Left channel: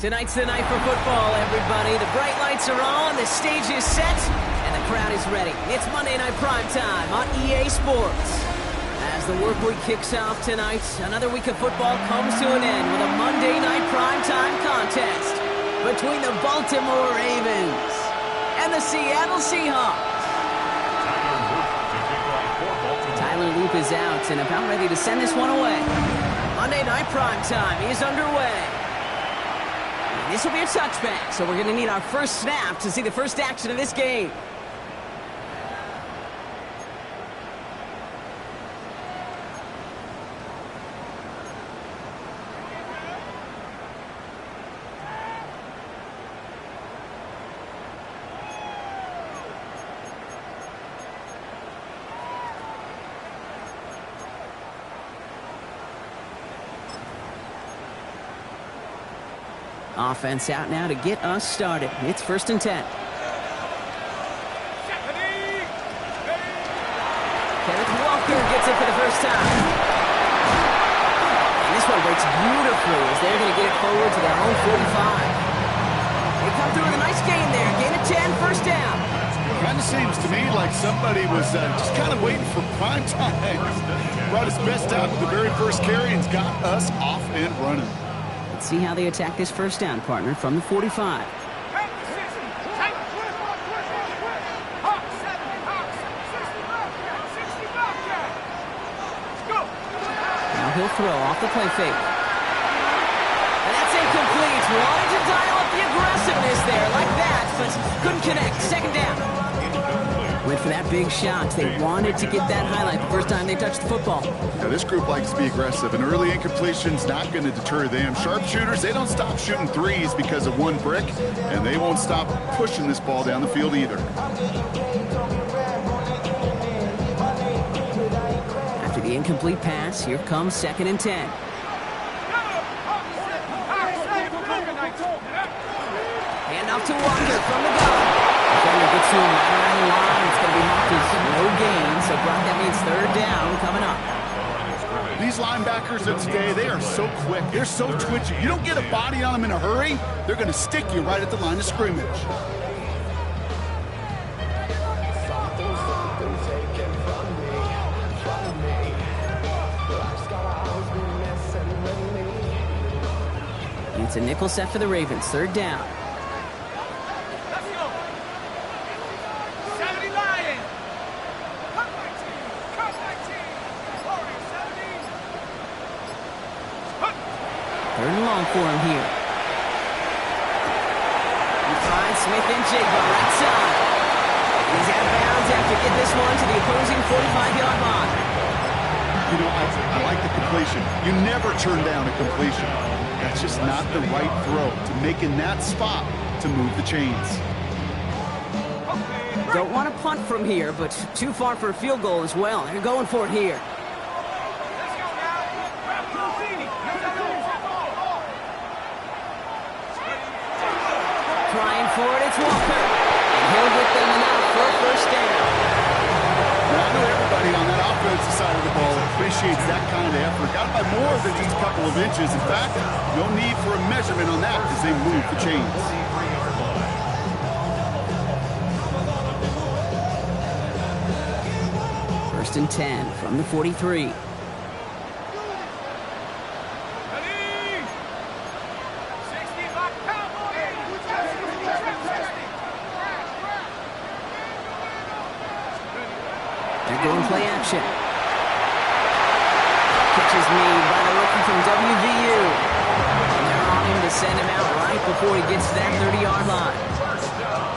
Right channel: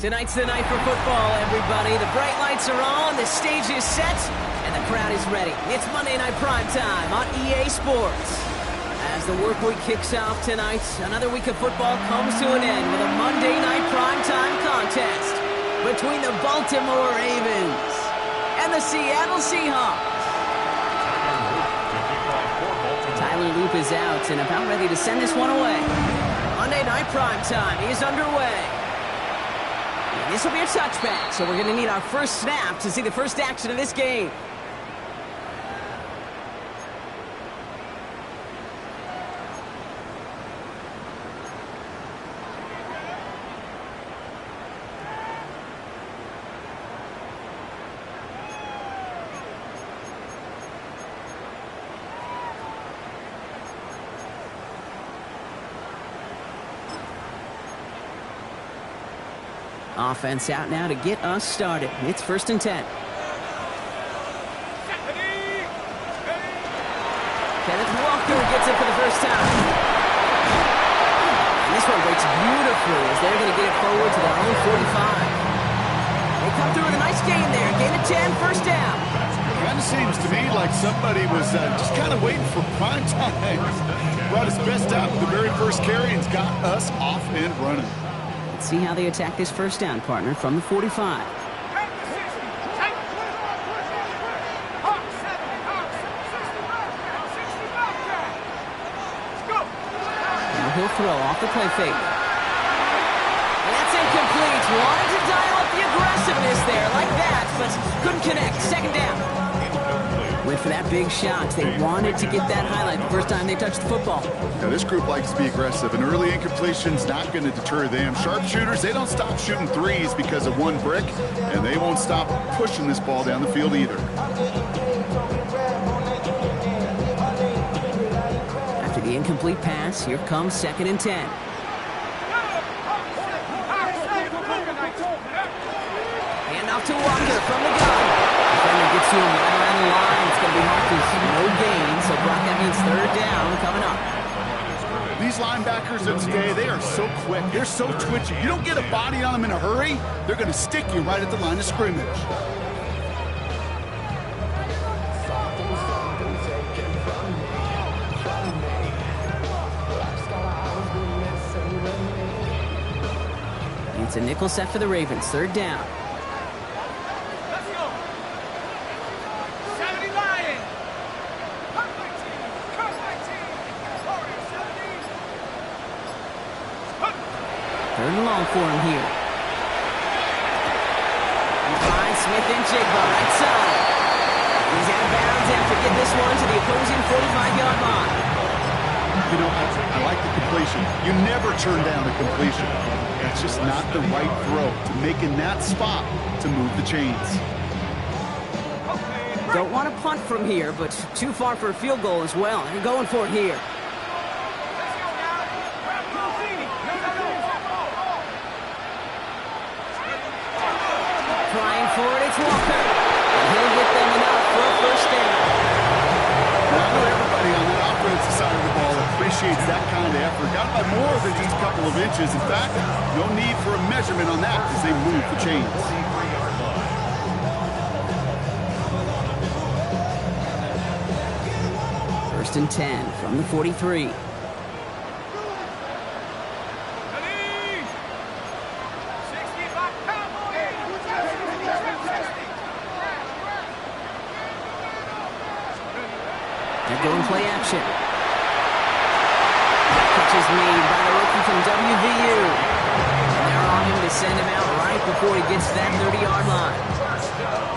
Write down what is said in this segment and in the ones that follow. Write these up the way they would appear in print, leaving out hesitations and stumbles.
Tonight's the night for football, everybody. The bright lights are on, the stage is set, and the crowd is ready. It's Monday Night Primetime on EA Sports. As the work week kicks off tonight, another week of football comes to an end with a Monday Night Primetime contest between the Baltimore Ravens and the Seattle Seahawks. Tyler Loop is out and about ready to send this one away. Monday Night Primetime is underway. And this will be a touchback, so we're going to need our first snap to see the first action of this game. Offense out now to get us started. It's 1st and 10. Kenneth Walker gets it for the first time. And this one breaks beautifully as they're going to get it forward to their own 45. They come through with a nice gain there. Gain of 10, first down. Kind of seems to me like somebody was just kind of waiting for prime time. Brought his best out with the very first carry and got us off and running. Let's see how they attack this first down, partner, from the 45. Now he'll throw off the play fake. And that's incomplete. Wanted to dial up the aggressiveness there like that, but couldn't connect. Second down. Went for that big shot. They wanted to get that highlight the first time they touched the football. Now, this group likes to be aggressive. An early incompletion's not going to deter them. Sharpshooters, they don't stop shooting threes because of one brick, and they won't stop pushing this ball down the field either. After the incomplete pass, here comes 2nd and 10. Handoff to Walker from the gun. Defender gets to him right around the line. It's going to be marked as no gain. So, Brock, that means 3rd down coming up. These linebackers of today, they are so quick. They're so twitchy. You don't get a body on them in a hurry, they're going to stick you right at the line of scrimmage. It's a nickel set for the Ravens. 3rd down. Third and long for him here. He finds Smith and Jigba right side. He's out of bounds after getting this one to the opposing 45-yard line. You know, I like the completion. You never turn down a completion. That's just not the right throw to make in that spot to move the chains. Don't want to punt from here, but too far for a field goal as well. They're going for it here. Trying for it, it's Walker. And he'll get them enough for a first down. Now, I know everybody on that offensive side of the ball appreciates that kind of effort. Got by more than just a couple of inches. In fact, no need for a measurement on that as they move the chains. 1st and 10 from the 43. They're going play action. Catch is made by the rookie from WVU. And they're on him to send him out right before he gets to that 30-yard line.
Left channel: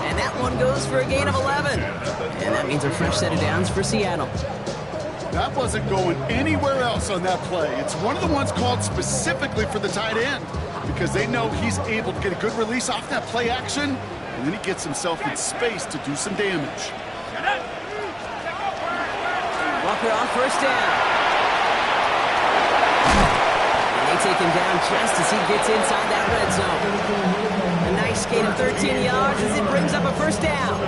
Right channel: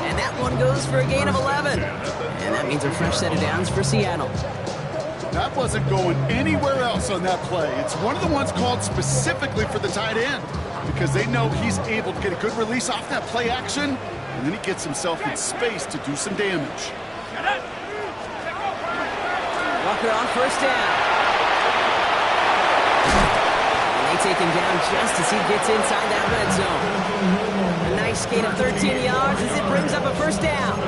And that one goes for a gain of 11. And that means a fresh set of downs for Seattle. That wasn't going anywhere else on that play. It's one of the ones called specifically for the tight end because they know he's able to get a good release off that play action, and then he gets himself in space to do some damage. Walker on first down. And they take him down just as he gets inside that red zone. A nice gain of 13 yards as it brings up a first down.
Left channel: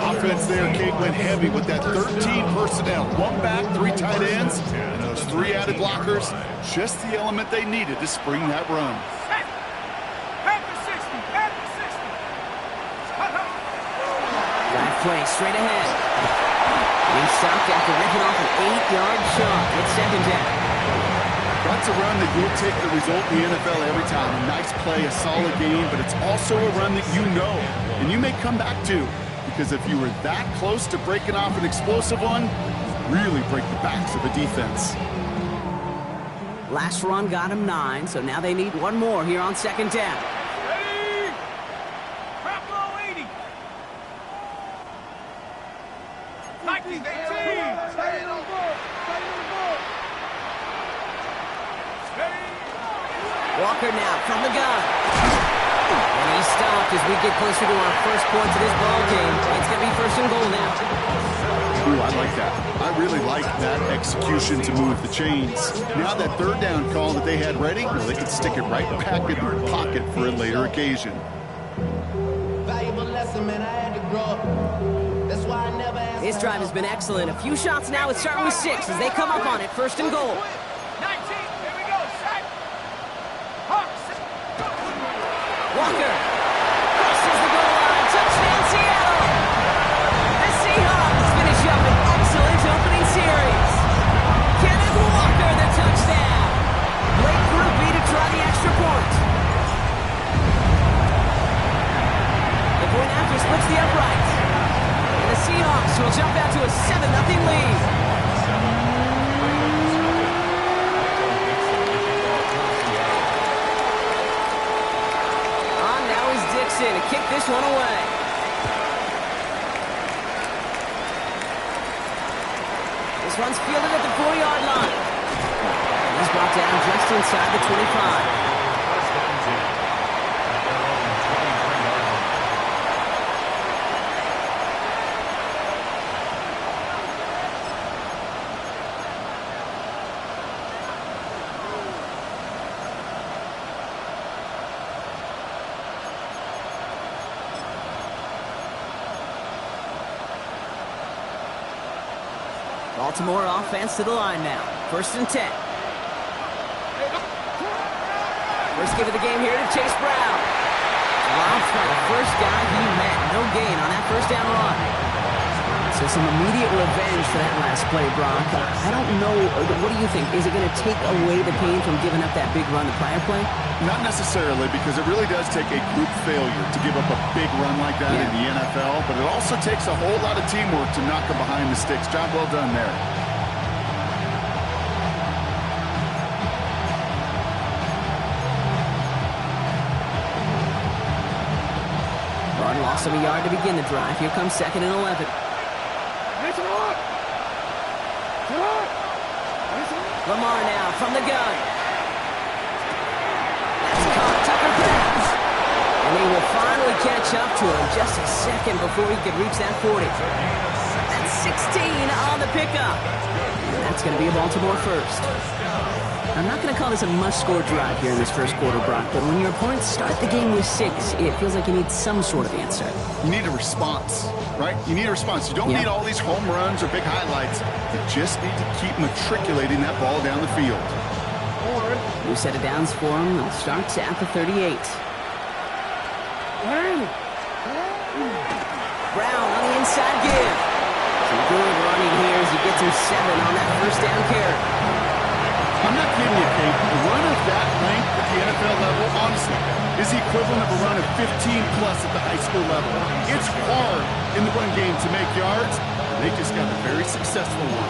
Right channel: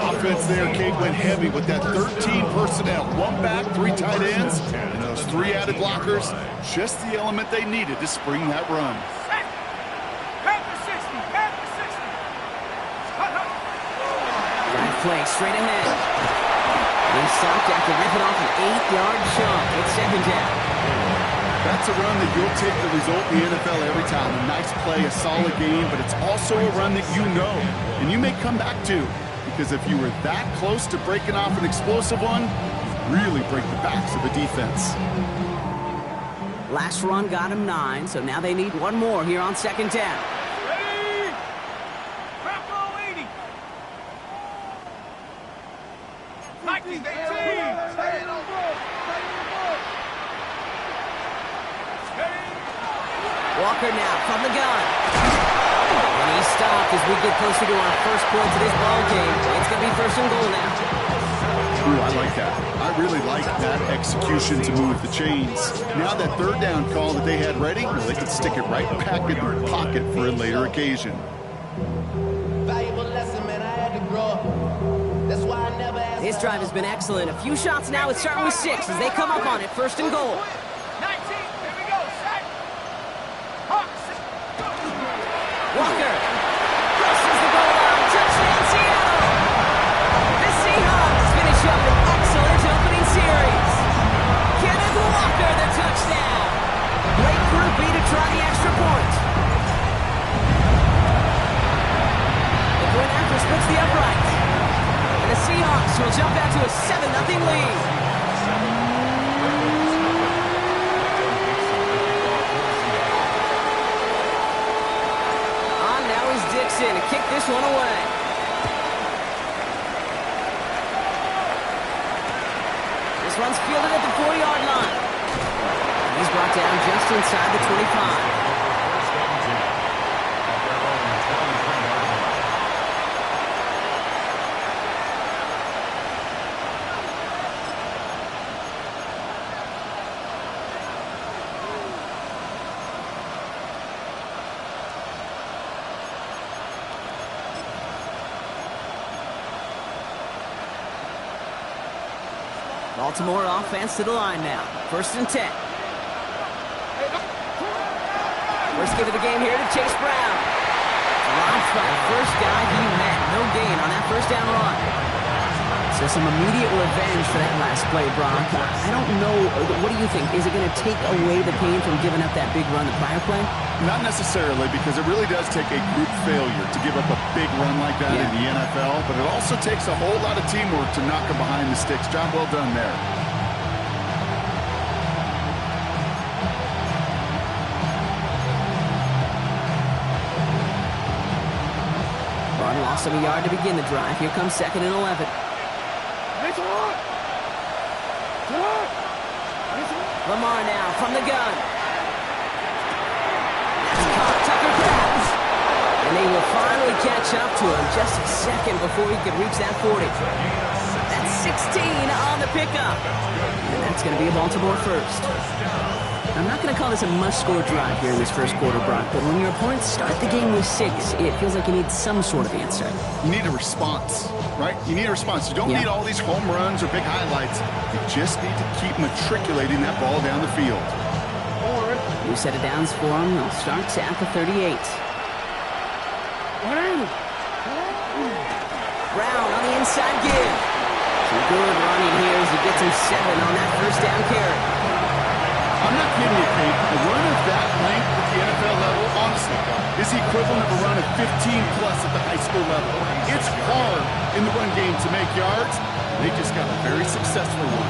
Offense there, Kate, went heavy with that 13 personnel. 1 back, 3 tight ends, and those 3 added blockers. Just the element they needed to spring that run. Drive play straight ahead. And he stopped after ripping off an 8-yard chunk. It's second down. That's a run that you'll take the result in the NFL every time. A nice play, a solid game, but it's also a run that you know and you may come back to. Because if you were that close to breaking off an explosive one, you really break the backs of a defense. Last run got him 9, so now they need one more here on second down. Ready? Bravo 80. Vikings 18. Walker now from the gun. And he stopped as we get closer to our first points of this ball game. It's going to be first and goal now. Ooh, I like that. I really like that execution to move the chains. Now that third down call that they had ready, well, they can stick it right back in their pocket for a later occasion. Valuable lesson, man. I had to grow up. That's why I never asked. This drive has been excellent. A few shots now. It's starting with 6 as they come up on it. First and goal. 19. Here we go. Set. Hawks. Walker crosses the goal line. Touchdown, Seattle. The Seahawks finish up an excellent opening series. Kenneth Walker, the touchdown. Great groupie to try the extra point. The point after splits the uprights. And the Seahawks will jump out to a 7-0 lead. Dixon to kick this one away. This one's fielded at the 4-yard line. And he's brought down just inside the 25. Baltimore offense to the line now. First and 10. First give of the game here to Chase Brown. Dropped by the first guy he met. No gain on that first down run. So some immediate revenge for that last play, Brock. I don't know. What do you think? Is it going to take away the pain from giving up that big run the prior play? Not necessarily, because it really does take a group failure to give up a big run like that in the NFL, but it also takes a whole lot of teamwork to knock them behind the sticks. Job well done there. Broad lost him a yard to begin the drive. Here comes second and 11. Lamar now from the gun. That's caught. Tucker grabs. And they will finally catch up to him just a second before he could reach that 40. That's 16 on the pickup. And that's going to be a Baltimore first. I'm not going to call this a must-score drive here in this first quarter, Brock, but when your opponents start the game with 6, it feels like you need some sort of answer. You need a response, right? You need a response. You don't need all these home runs or big highlights. You just need to keep matriculating that ball down the field. New set of downs for him. They'll start at the 38. Brown on the inside give. Some good running here as he gets him 7 on that first down carry. I'm not kidding you, Kate. A run of that length at the NFL level, honestly, is the equivalent of a run of 15-plus at the high school level. It's hard in the run game to make yards, and they just got a very successful one.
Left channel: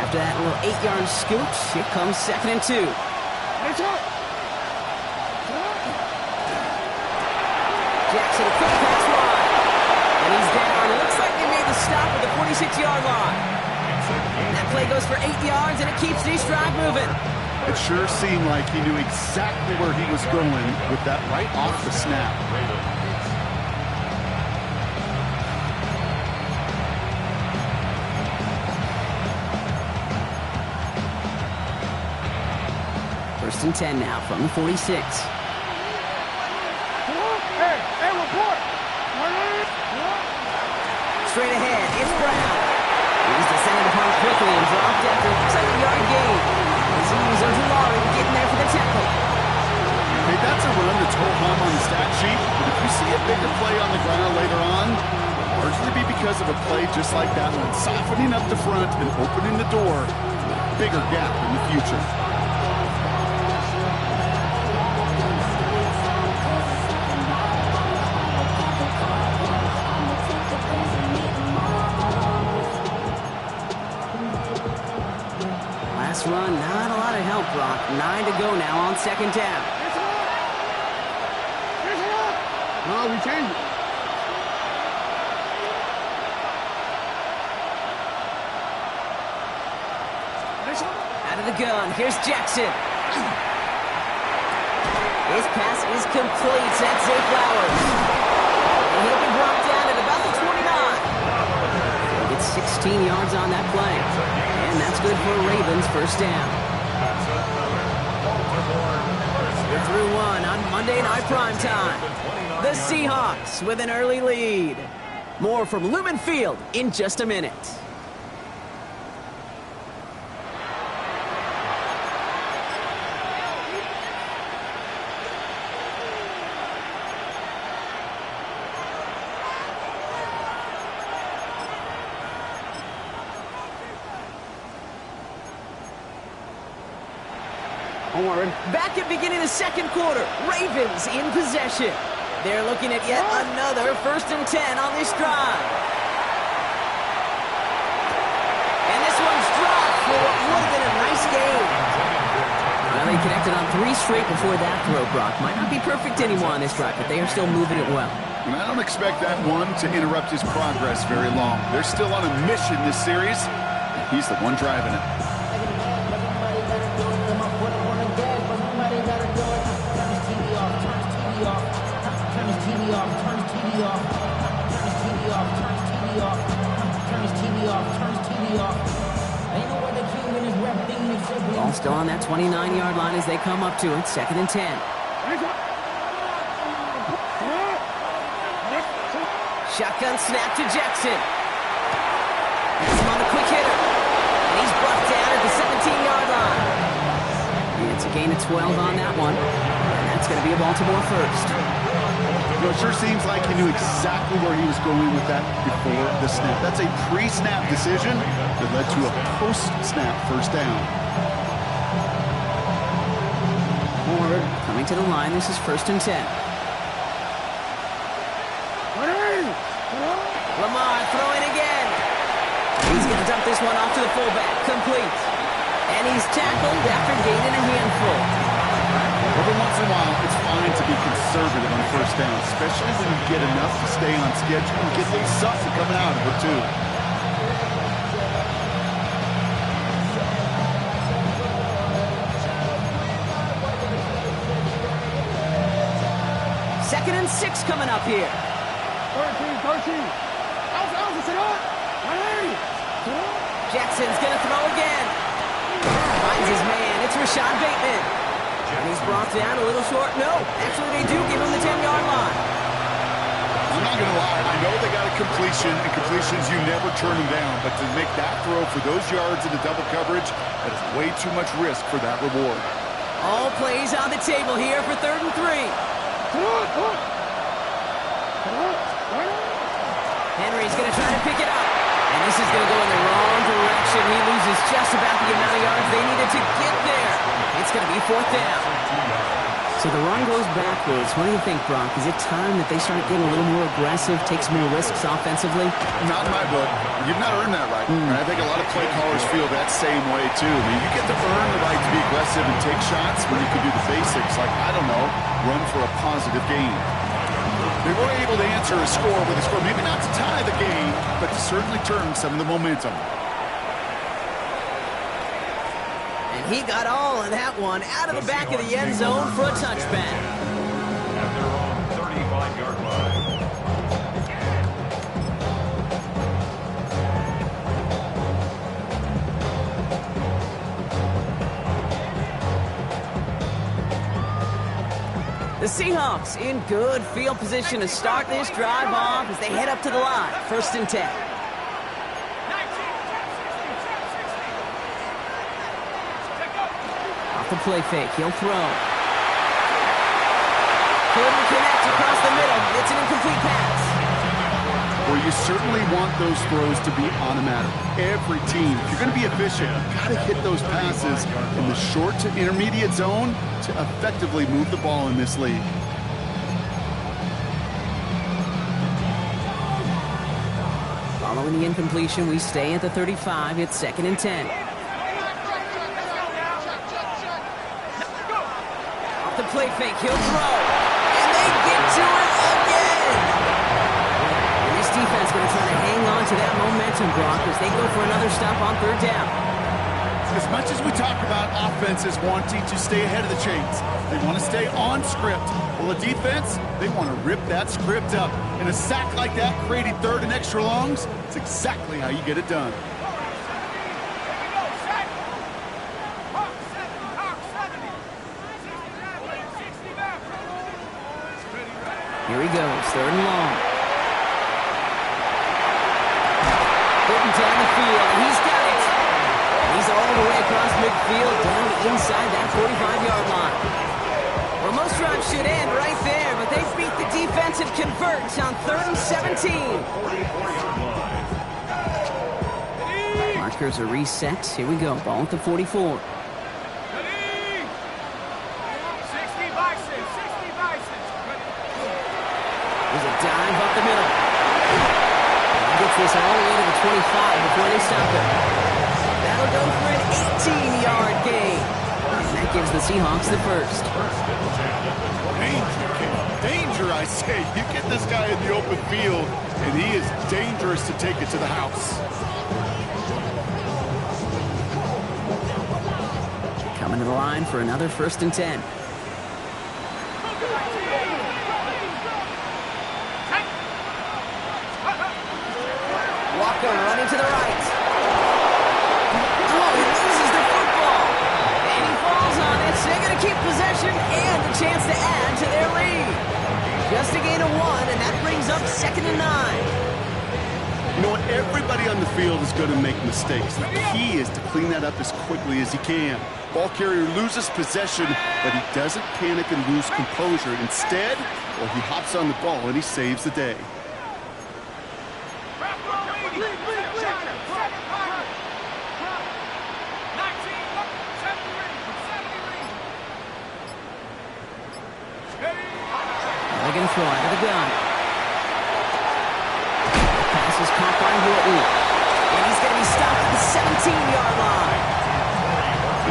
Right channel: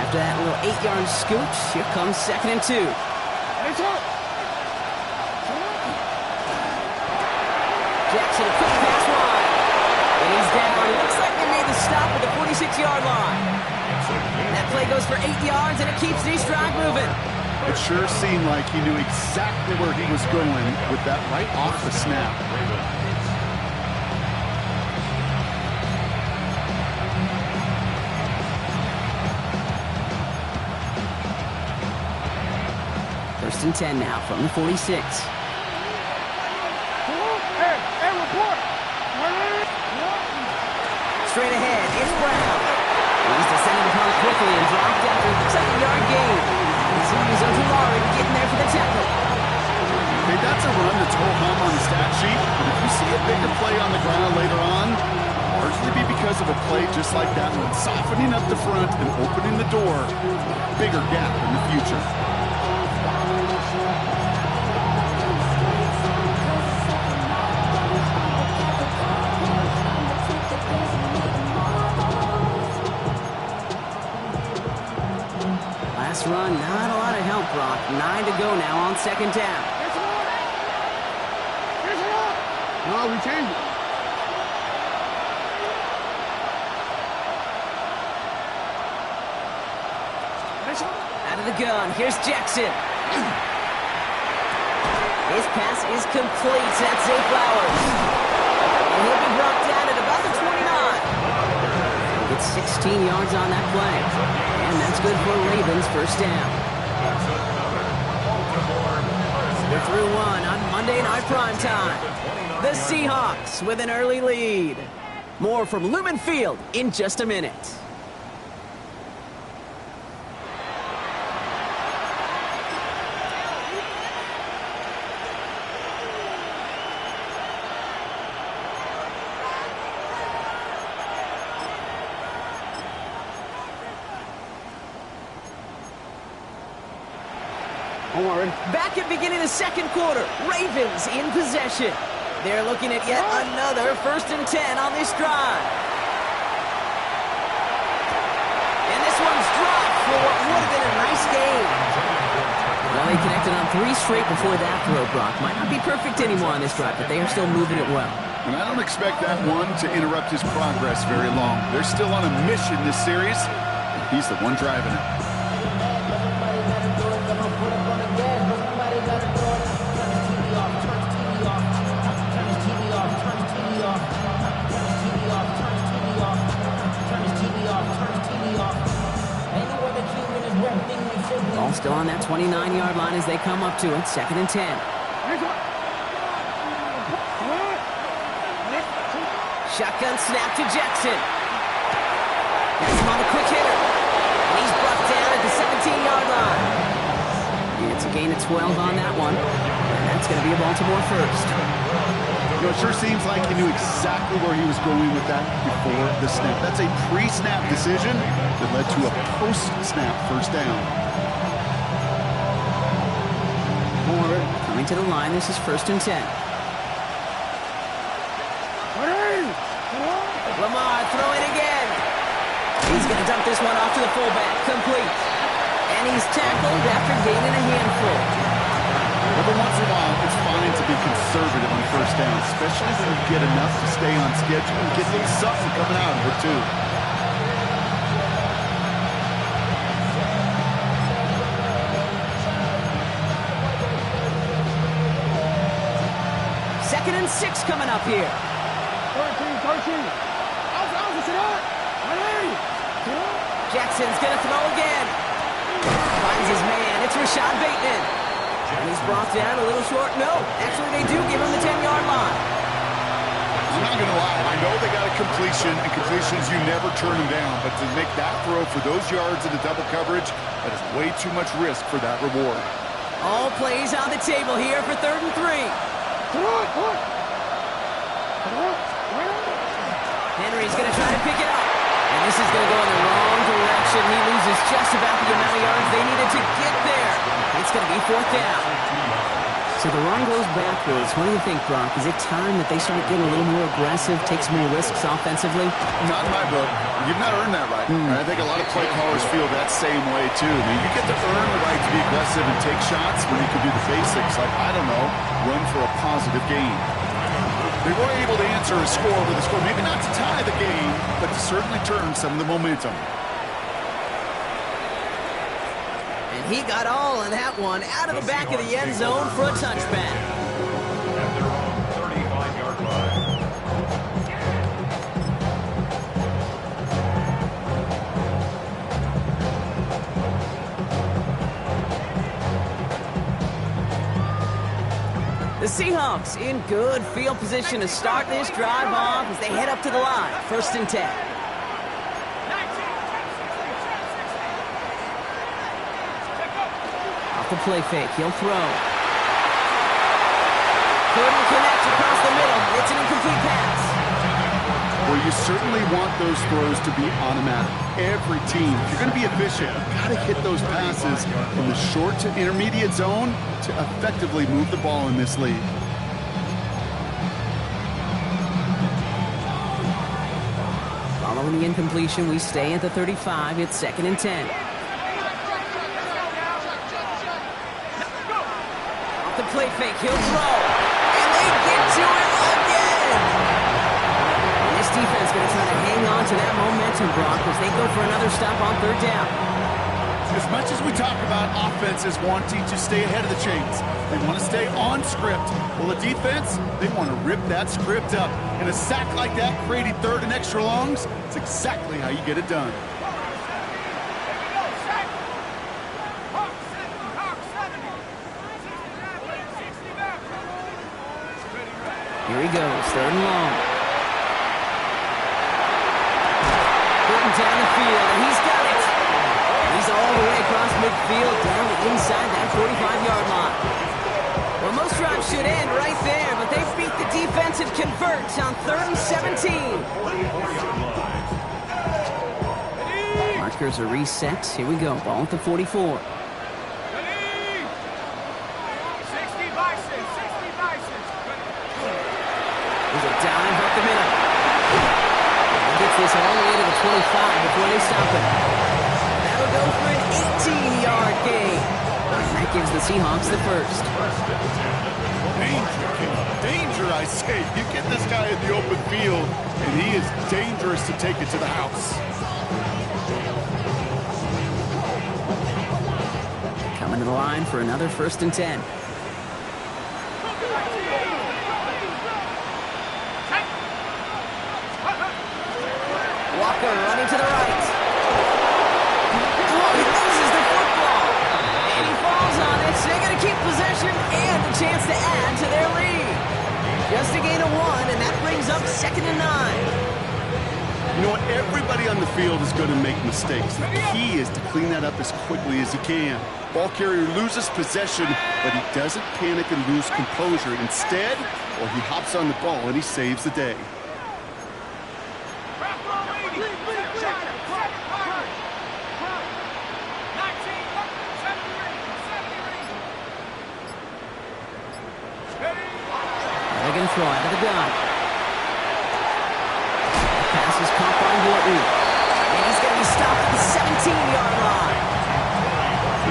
After that little 8-yard scoot, here comes second and 2. Jackson, a quick pass wide. And he's down. It looks like they made the stop at the 46-yard line. That play goes for 8 yards, and it keeps this drive moving. It sure seemed like he knew exactly where he was going with that right off the snap. First and 10 now from the 46. straight ahead. It's Brown. He's descended upon quickly and dropped after looks like a yard gain. He's Ojulari getting there for the tackle. Hey, that's a run that's ho-hum on the stat sheet, but if you see a bigger play on the ground later on, largely be because of a play just like that one, softening up the front and opening the door to a bigger gap in the future. Last run, not a lot of help, Brock. 9 to go now on second down. No, we changed it. Out of the gun, here's Jackson. His pass is complete. That's Zay Flowers. And he'll be brought down at about the 29. Gets 16 yards on that play. And that's good for Ravens first down. We're through one on Monday Night Primetime. The Seahawks with an early lead. More from Lumen Field in just a minute. Back at beginning of the second quarter, Ravens in possession. They're looking at yet another 1st and 10 on this drive. And this one's dropped for what would have been a nice game. Well, they connected on 3 straight before that throw, Brock. Might not be perfect anymore on this drive, but they are still moving it well. And I don't expect that one to interrupt his progress very long. They're still on a mission this series, and he's the one driving it. Put up on the gas, but somebody gotta do it. Turn his TV off, turn his TV off. Turn his TV off, turn his TV off. Turn his TV off, turn his TV off. Turn his TV off, turn his TV off. Ain't no other king in his rap thing makes it bleed. Ball still on that 29-yard line as they come up to it. 2nd and 10. Shotgun snap to Jackson. Has him on the quick hitter. And he's brought down at the 17-yard line. It's a gain of 12 on that one. And that's going to be a Baltimore first. You know, it sure seems like he knew exactly where he was going with that before the snap. That's a pre-snap decision that led to a post-snap first down. Coming to the line, this is 1st and 10. Lamar throwing again. He's going to dump this one off to the fullback. Complete. And he's tackled after gaining a handful. Every once in a while, it's fine to be conservative on first down, especially when you get enough to stay on schedule and get a little something coming out of it, too. Second and 6 coming up here. 13. Jackson's going to throw again. Finds his man. It's Rashad Bateman. And he's brought down a little short. No, actually they do give him the 10-yard line. I'm not going to lie. I know they got a completion, and completions, you never turn them down. But to make that throw for those yards into double coverage, that is way too much risk for that reward. All plays on the table here for 3rd and 3. Henry's going to try to pick it up. And this is going to go in the wrong direction. He loses just about the amount of yards they needed to get there. It's going to be 4th down. So the run goes backwards. What do you think, Brock? Is it time that they start getting a little more aggressive, take some more risks offensively? Not in my book. You've not earned that right. I think a lot of play callers feel that same way, too. I mean, you get to earn the right to be aggressive and take shots when you can do the basics, like, I don't know, run for a positive gain. They were able to answer a score with a score, maybe not to tie the game, but to certainly turn some of the momentum. And he got all of that one out of the back of the end zone for a touchback. At their own 35-yard line. The The Seahawks in good field position to start this drive off as they head up to the line. 1st and 10. Off the play fake, he'll throw. Couldn't connect across the middle. It's an incomplete pass. Well, you certainly want those throws to be automatic. Every team, if you're going to be efficient, you've got to hit those passes in the short to intermediate zone to effectively move the ball in this league. Following the incompletion, we stay at the 35. It's 2nd and 10. Off the play fake, he'll throw. And they get to it again. And this defense going to try to hang on to that momentum, Brock, as they go for another stop on 3rd down. As much as we talk about offenses wanting to stay ahead of the chains, they want to stay on script. Well, the defense, they want to rip that script up. And a sack like that, creating 3rd and extra longs, it's exactly how you get it done. Here he goes, 3rd and long. Putting down the field, and he's got it. And he's all the way across midfield, down inside that 45-yard line. Well, most drives should end right there, but they beat the defense and convert on 3rd and 17. 44-yard line. Markers are reset. Here we go, ball at the 44. There's a dive up the middle. He gets this all the way to the 25 before they stop him. That'll go for an 18-yard gain. And that gives the Seahawks the first. Danger, I say. You get this guy in the open field, and he is dangerous to take it to the house. Coming to the line for another 1st and 10. Walker running to the right. Oh, he loses the football. And he falls on it, so they're going to keep possession and a chance to add to their lead. Just a gain of 1, and that brings up 2nd and 9. You know what? Everybody on the field is going to make mistakes. The key is to clean that up as quickly as he can. Ball carrier loses possession, but he doesn't panic and lose composure. Instead, well, he hops on the ball and he saves the day. They're going to throw out of the gun. Pass is caught by Horton. And he's going to be stopped at the 17-yard line.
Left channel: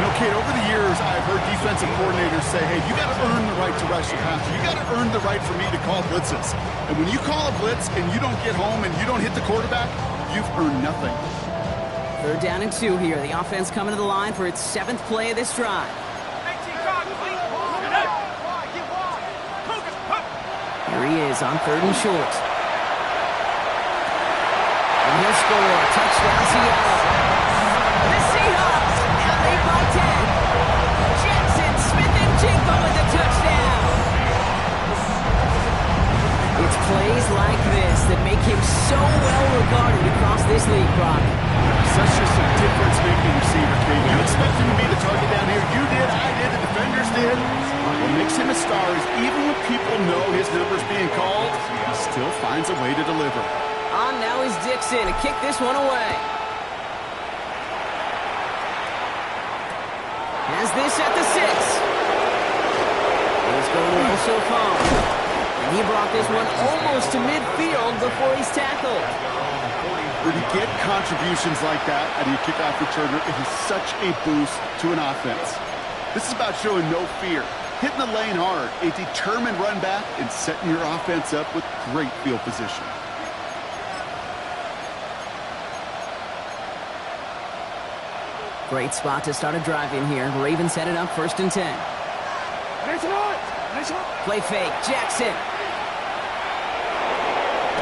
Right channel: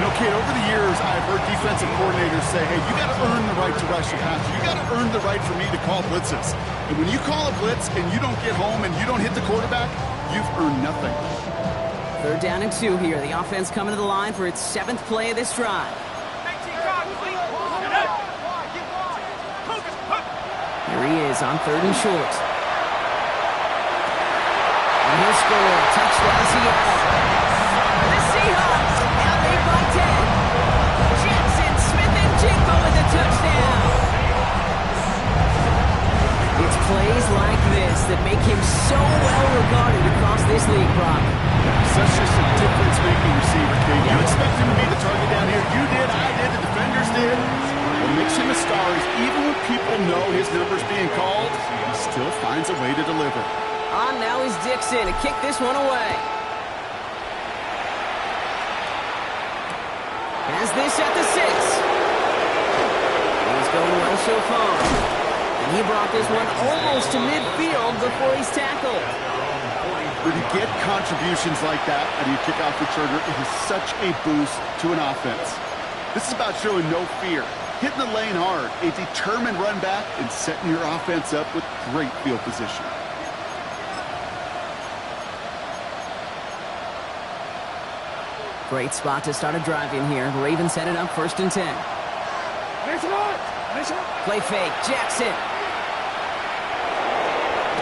You know, Kate, over the years, I've heard defensive coordinators say, hey, you got to earn the right to rush the passer. You got to earn the right for me to call blitzes. And when you call a blitz and you don't get home and you don't hit the quarterback, you've earned nothing. 3rd down and 2 here. The offense coming to the line for its 7th play of this drive. Here he is on 3rd and short. And he'll score. Touchdown, Seattle. The Seahawks now lead by 10. Jackson, Smith, and Jigba with the touchdown. It's plays like this that make him so well regarded across this league, Brock. Such just a difference-making receiver, Kate. You expect him to be the target down here. You did, I did, the defenders did. What makes him a star is even when people know his number's being called, he still finds a way to deliver. On now is Dixon to kick this one away. Has this at the 6. Things going well so far. And he brought this one almost to midfield before he's tackled. When you get contributions like that out of your kickoff returner, it is such a boost to an offense. This is about showing no fear, hitting the lane hard, a determined run back, and setting your offense up with great field position. Great spot to start a drive in here. Ravens set it up 1st and 10. Play fake, Jackson.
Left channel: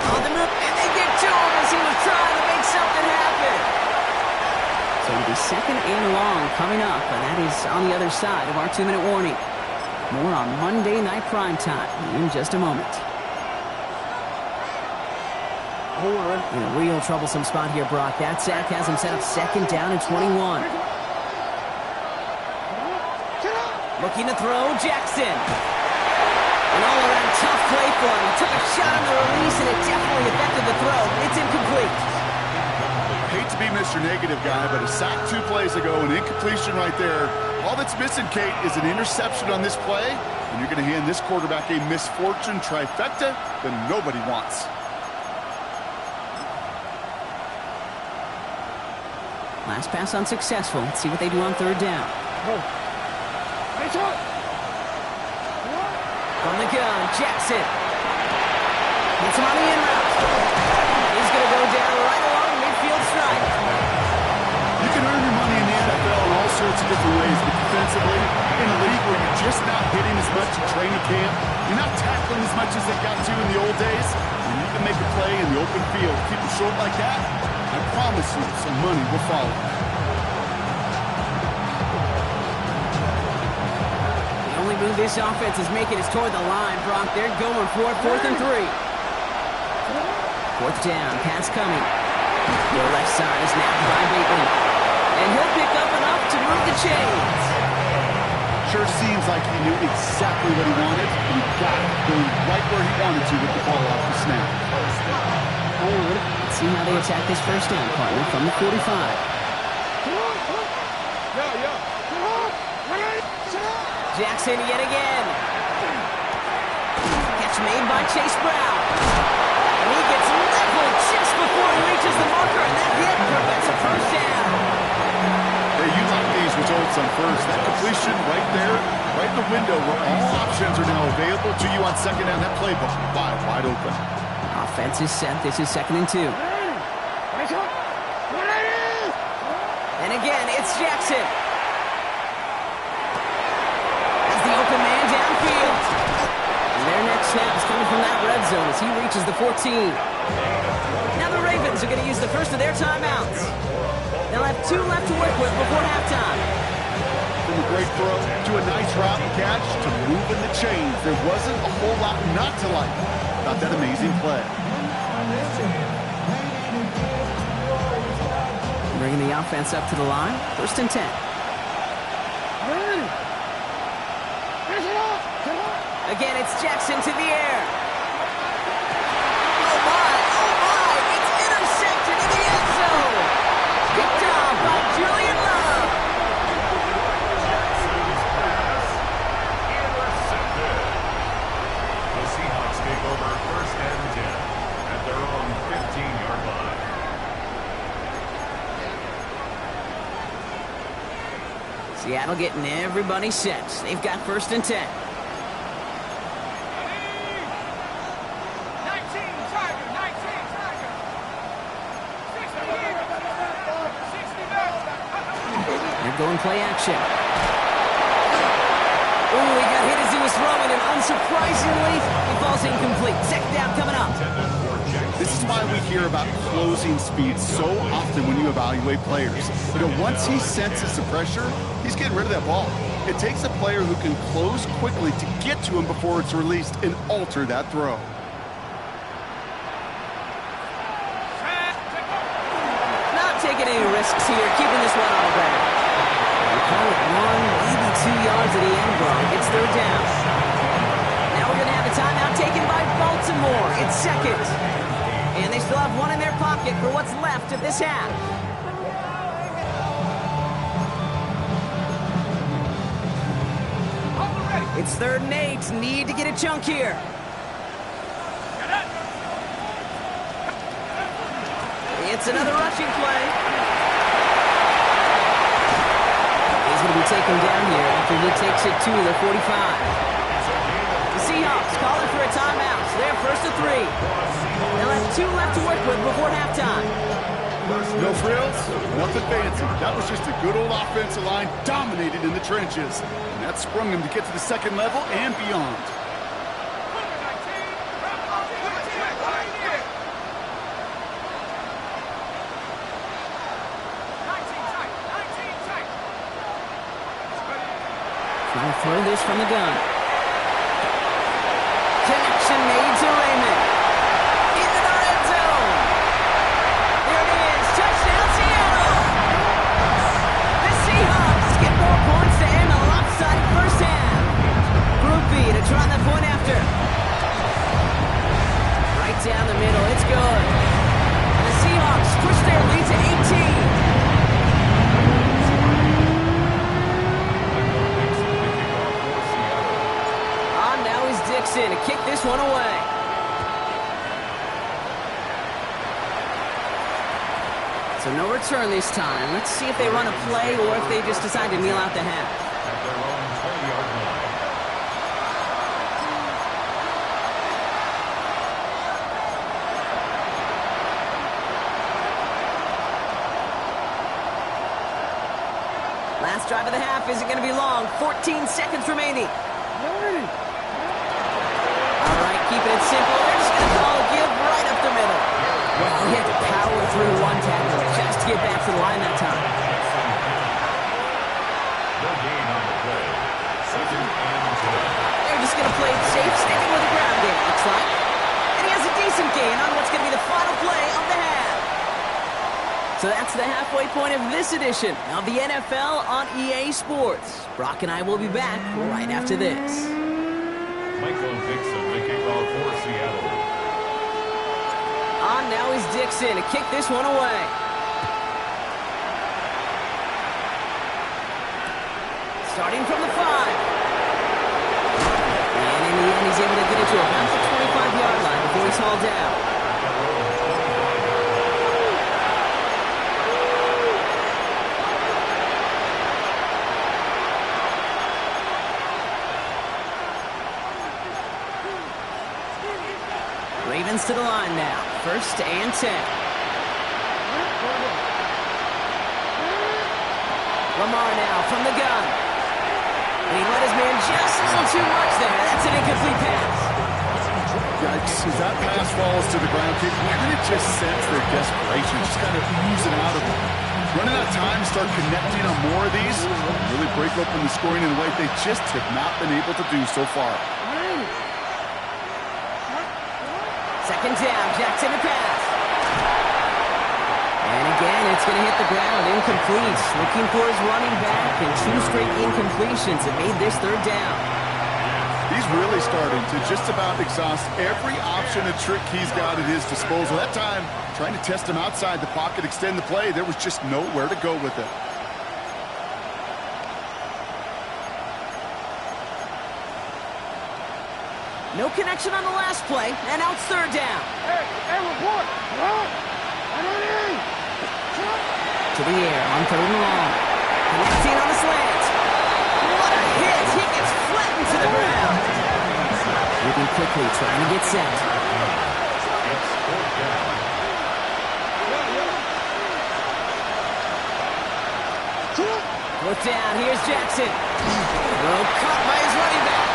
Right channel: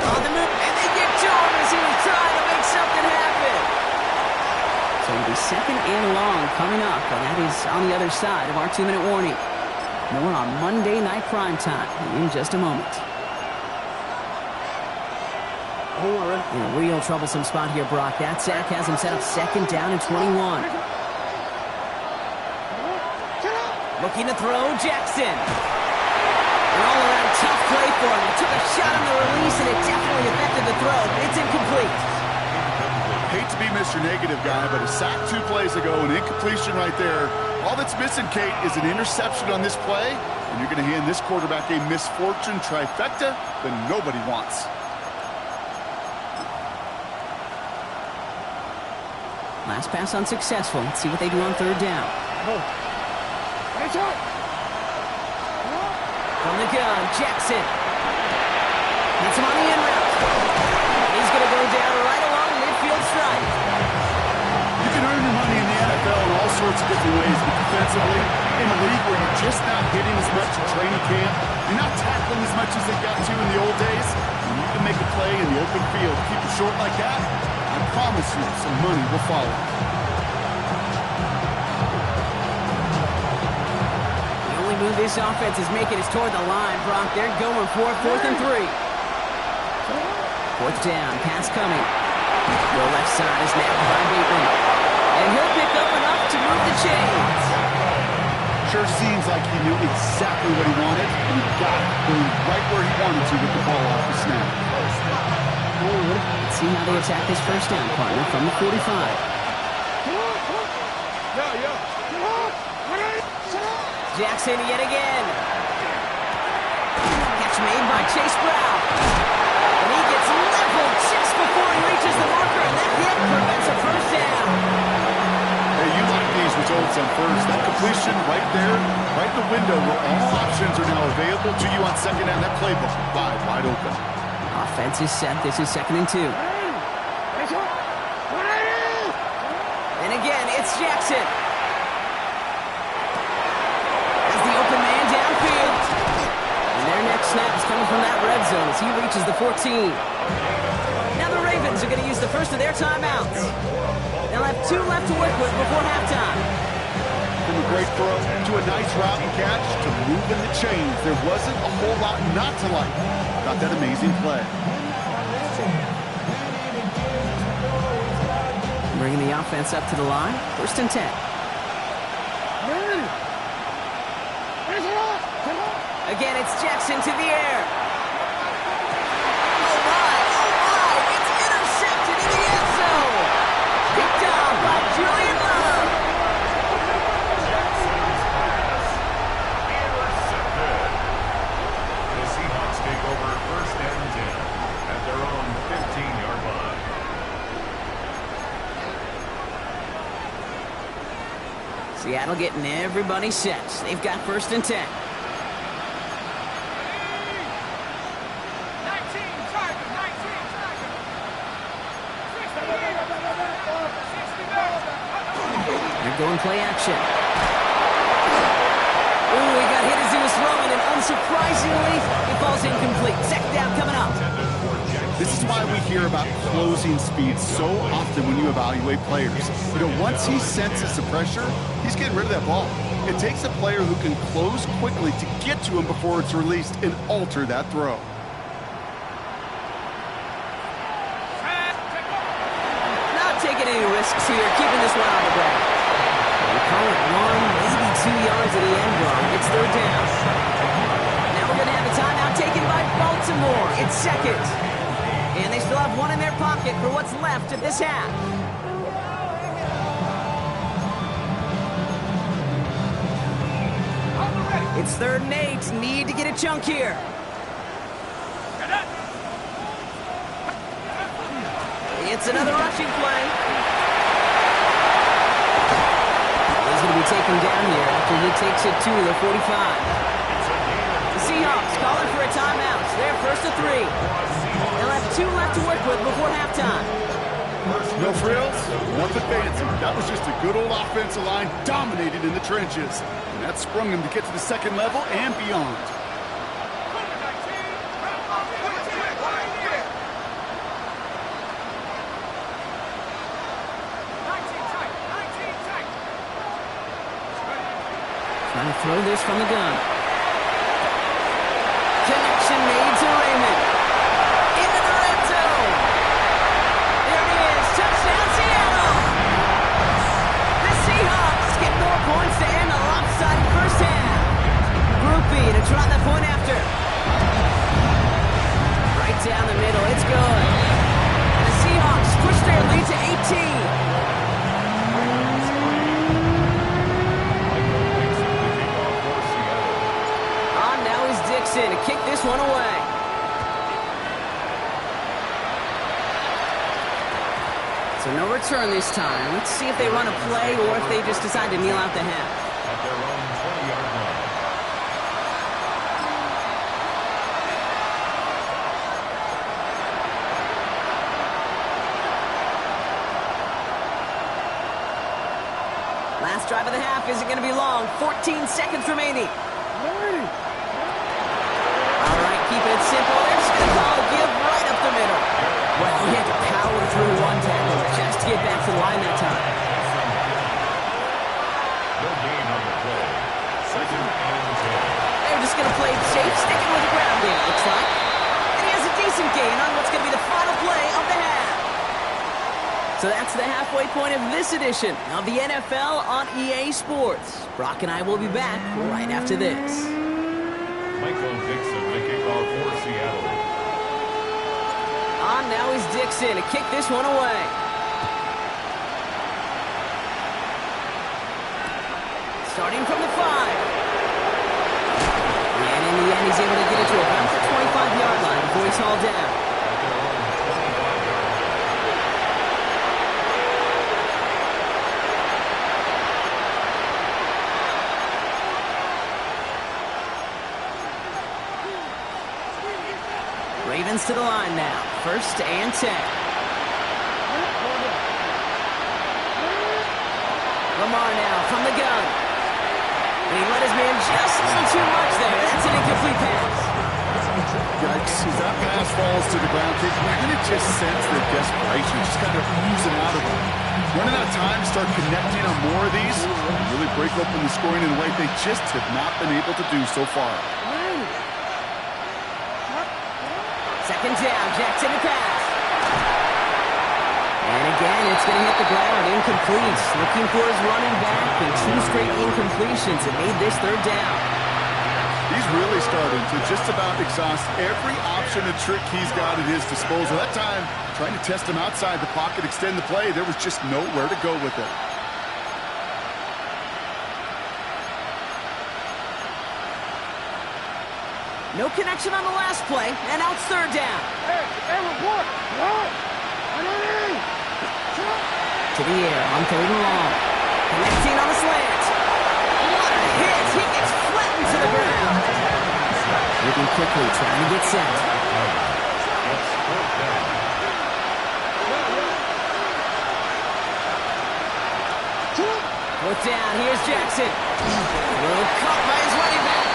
On the move, and they get to him as he was trying to make something happen. So it'll be 2nd and long coming up, and that is on the other side of our 2-minute warning. More on Monday Night Primetime in just a moment. In a real troublesome spot here, Brock. That sack has him set up 2nd down and 21. Looking to throw, Jackson. An all-around tough play for him. He took a shot on the release, and it definitely affected the throw. It's incomplete. I hate to be Mr. Negative guy, but a sack 2 plays ago, an incompletion right there. All that's missing, Kate, is an interception on this play, and you're going to hand this quarterback a misfortune trifecta that nobody wants. Last pass unsuccessful. Let's see what they do on 3rd down. From the gun, Jackson. Hits him on the in route. He's going to go down right along midfield stripe. You can earn your money in the NFL in all sorts of different ways, but defensively, in a league where you're just not hitting as much in training camp, you're not tackling as much as they got to in the old days, when you can make a play in the open field, keep it short like that, I promise you some money will follow. The only move this offense is making is toward the line, Brock. They're going for it, 4th and 3. 4th down, pass coming. Your left side is napped by Bateman. And he'll pick up enough to move the chains. Sure seems like he knew exactly what he wanted, and he got it, going right where he wanted to with the ball off the snap. Let's see how they attack this 1st down, partner, from the 45. Jackson yet again. Catch made by Chase Brown. And he gets leveled just before he reaches the marker, and that hit prevents a 1st down. Hey, you like these results on 1st. That completion right there, right in the window where all options are now available to you on 2nd down. That playbook wide open. Offense is set. This is 2nd and 2. And again, it's Jackson. As the open man downfield. And their next snap is coming from that red zone as he reaches the 14. Now the Ravens are going to use the first of their timeouts. They'll have 2 left to work with before halftime. From a great throw to a nice route and catch to moving the chains, there wasn't a whole lot not to like about that amazing play. Bringing the offense up to the line. 1st and 10. Again, it's Jackson to the air. Oh my, it's intercepted in the end zone. Picked off by Julian Love. Jackson's pass intercepted. The Seahawks take over 1st and 10 at their own 15-yard line. Seattle getting everybody set. They've got 1st and 10. 19 Tiger, 19 Tiger. 60 They're going play action. Ooh, he got hit as he was throwing, and unsurprisingly, he falls incomplete. 2nd down coming up. This is why we hear about closing speed so often when you evaluate players. You know, once he senses the pressure, he's getting rid of that ball. It takes a player who can close quickly to get to him before it's released and alter that throw. Not taking any risks here, keeping this one on the ground. We call it 1, maybe 2 yards at the end, Bron. It's 3rd down. Now we're going to have a timeout taken by Baltimore. It's 2nd. And they still have 1 in their pocket for what's left of this half. It's 3rd and 8. Need to get a chunk here. It's another rushing play. He's going to be taken down here after he takes it to the 45. The Seahawks calling for a timeout. They're 1st and 3. They'll have 2 left to work with before halftime. No frills, nothing fancy. That was just a good old offensive line dominated in the trenches. And that sprung him to get to the 2nd level and beyond. Trying to throw this from the gun. Reception made to Raymond. Into the red zone. There it is. Touchdown, Seattle. The Seahawks get more points to end a lopsided first half. Group B to try the point after. Right down the middle. It's good. And the Seahawks push their lead to 18. Now is Dixon to kick this one away. So no return this time. Let's see if they run a play or if they just decide to kneel out the half. At their own 20-yard line. Last drive of the half isn't going to be long. 14 seconds remaining. All right, keeping it simple. They're just going to call a give right up the middle. Well, he had to power through one tackle just to get back to the line that time. No gain on the play. 2nd and 10. They're just going to play it safe, sticking with the ground game, it looks like. And he has a decent gain on what's going to be the final play of the half. So that's the halfway point of this edition of the NFL on EA Sports. Brock and I will be back right after this. Michael Dixon, the kickoff for Seattle. On now is Dixon to kick this one away. Starting from the 5. And in the end, he's able to get it to about the 25-yard line before he's hauled down. At their own 25-yard line. Ravens to the line now. 1st and 10. Lamar now from the gun. And he let his man just a little too much there. That's an incomplete pass. Yikes. As that pass falls to the ground, you kind of just sense their desperation, just kind of oozing out of them. Running out of time to start connecting on more of these, really break open the scoring in a way they just have not been able to do so far. 2nd down, Jackson to pass. And again, it's going to hit the ground, incomplete. Looking for his running back, and 2 straight incompletions that made this 3rd down. He's really starting to just about exhaust every option and trick he's got at his disposal. That time, trying to test him outside the pocket, extend the play, there was just nowhere to go with it. No connection on the last play, and now it's 3rd down. Hey, report! To the air on 3rd and long. Connecting on the slant. What a hit! He gets flattened to the ground. Moving quickly, trying to get set. It's 4th down. Fourth down, here's Jackson. Throw caught by his running back.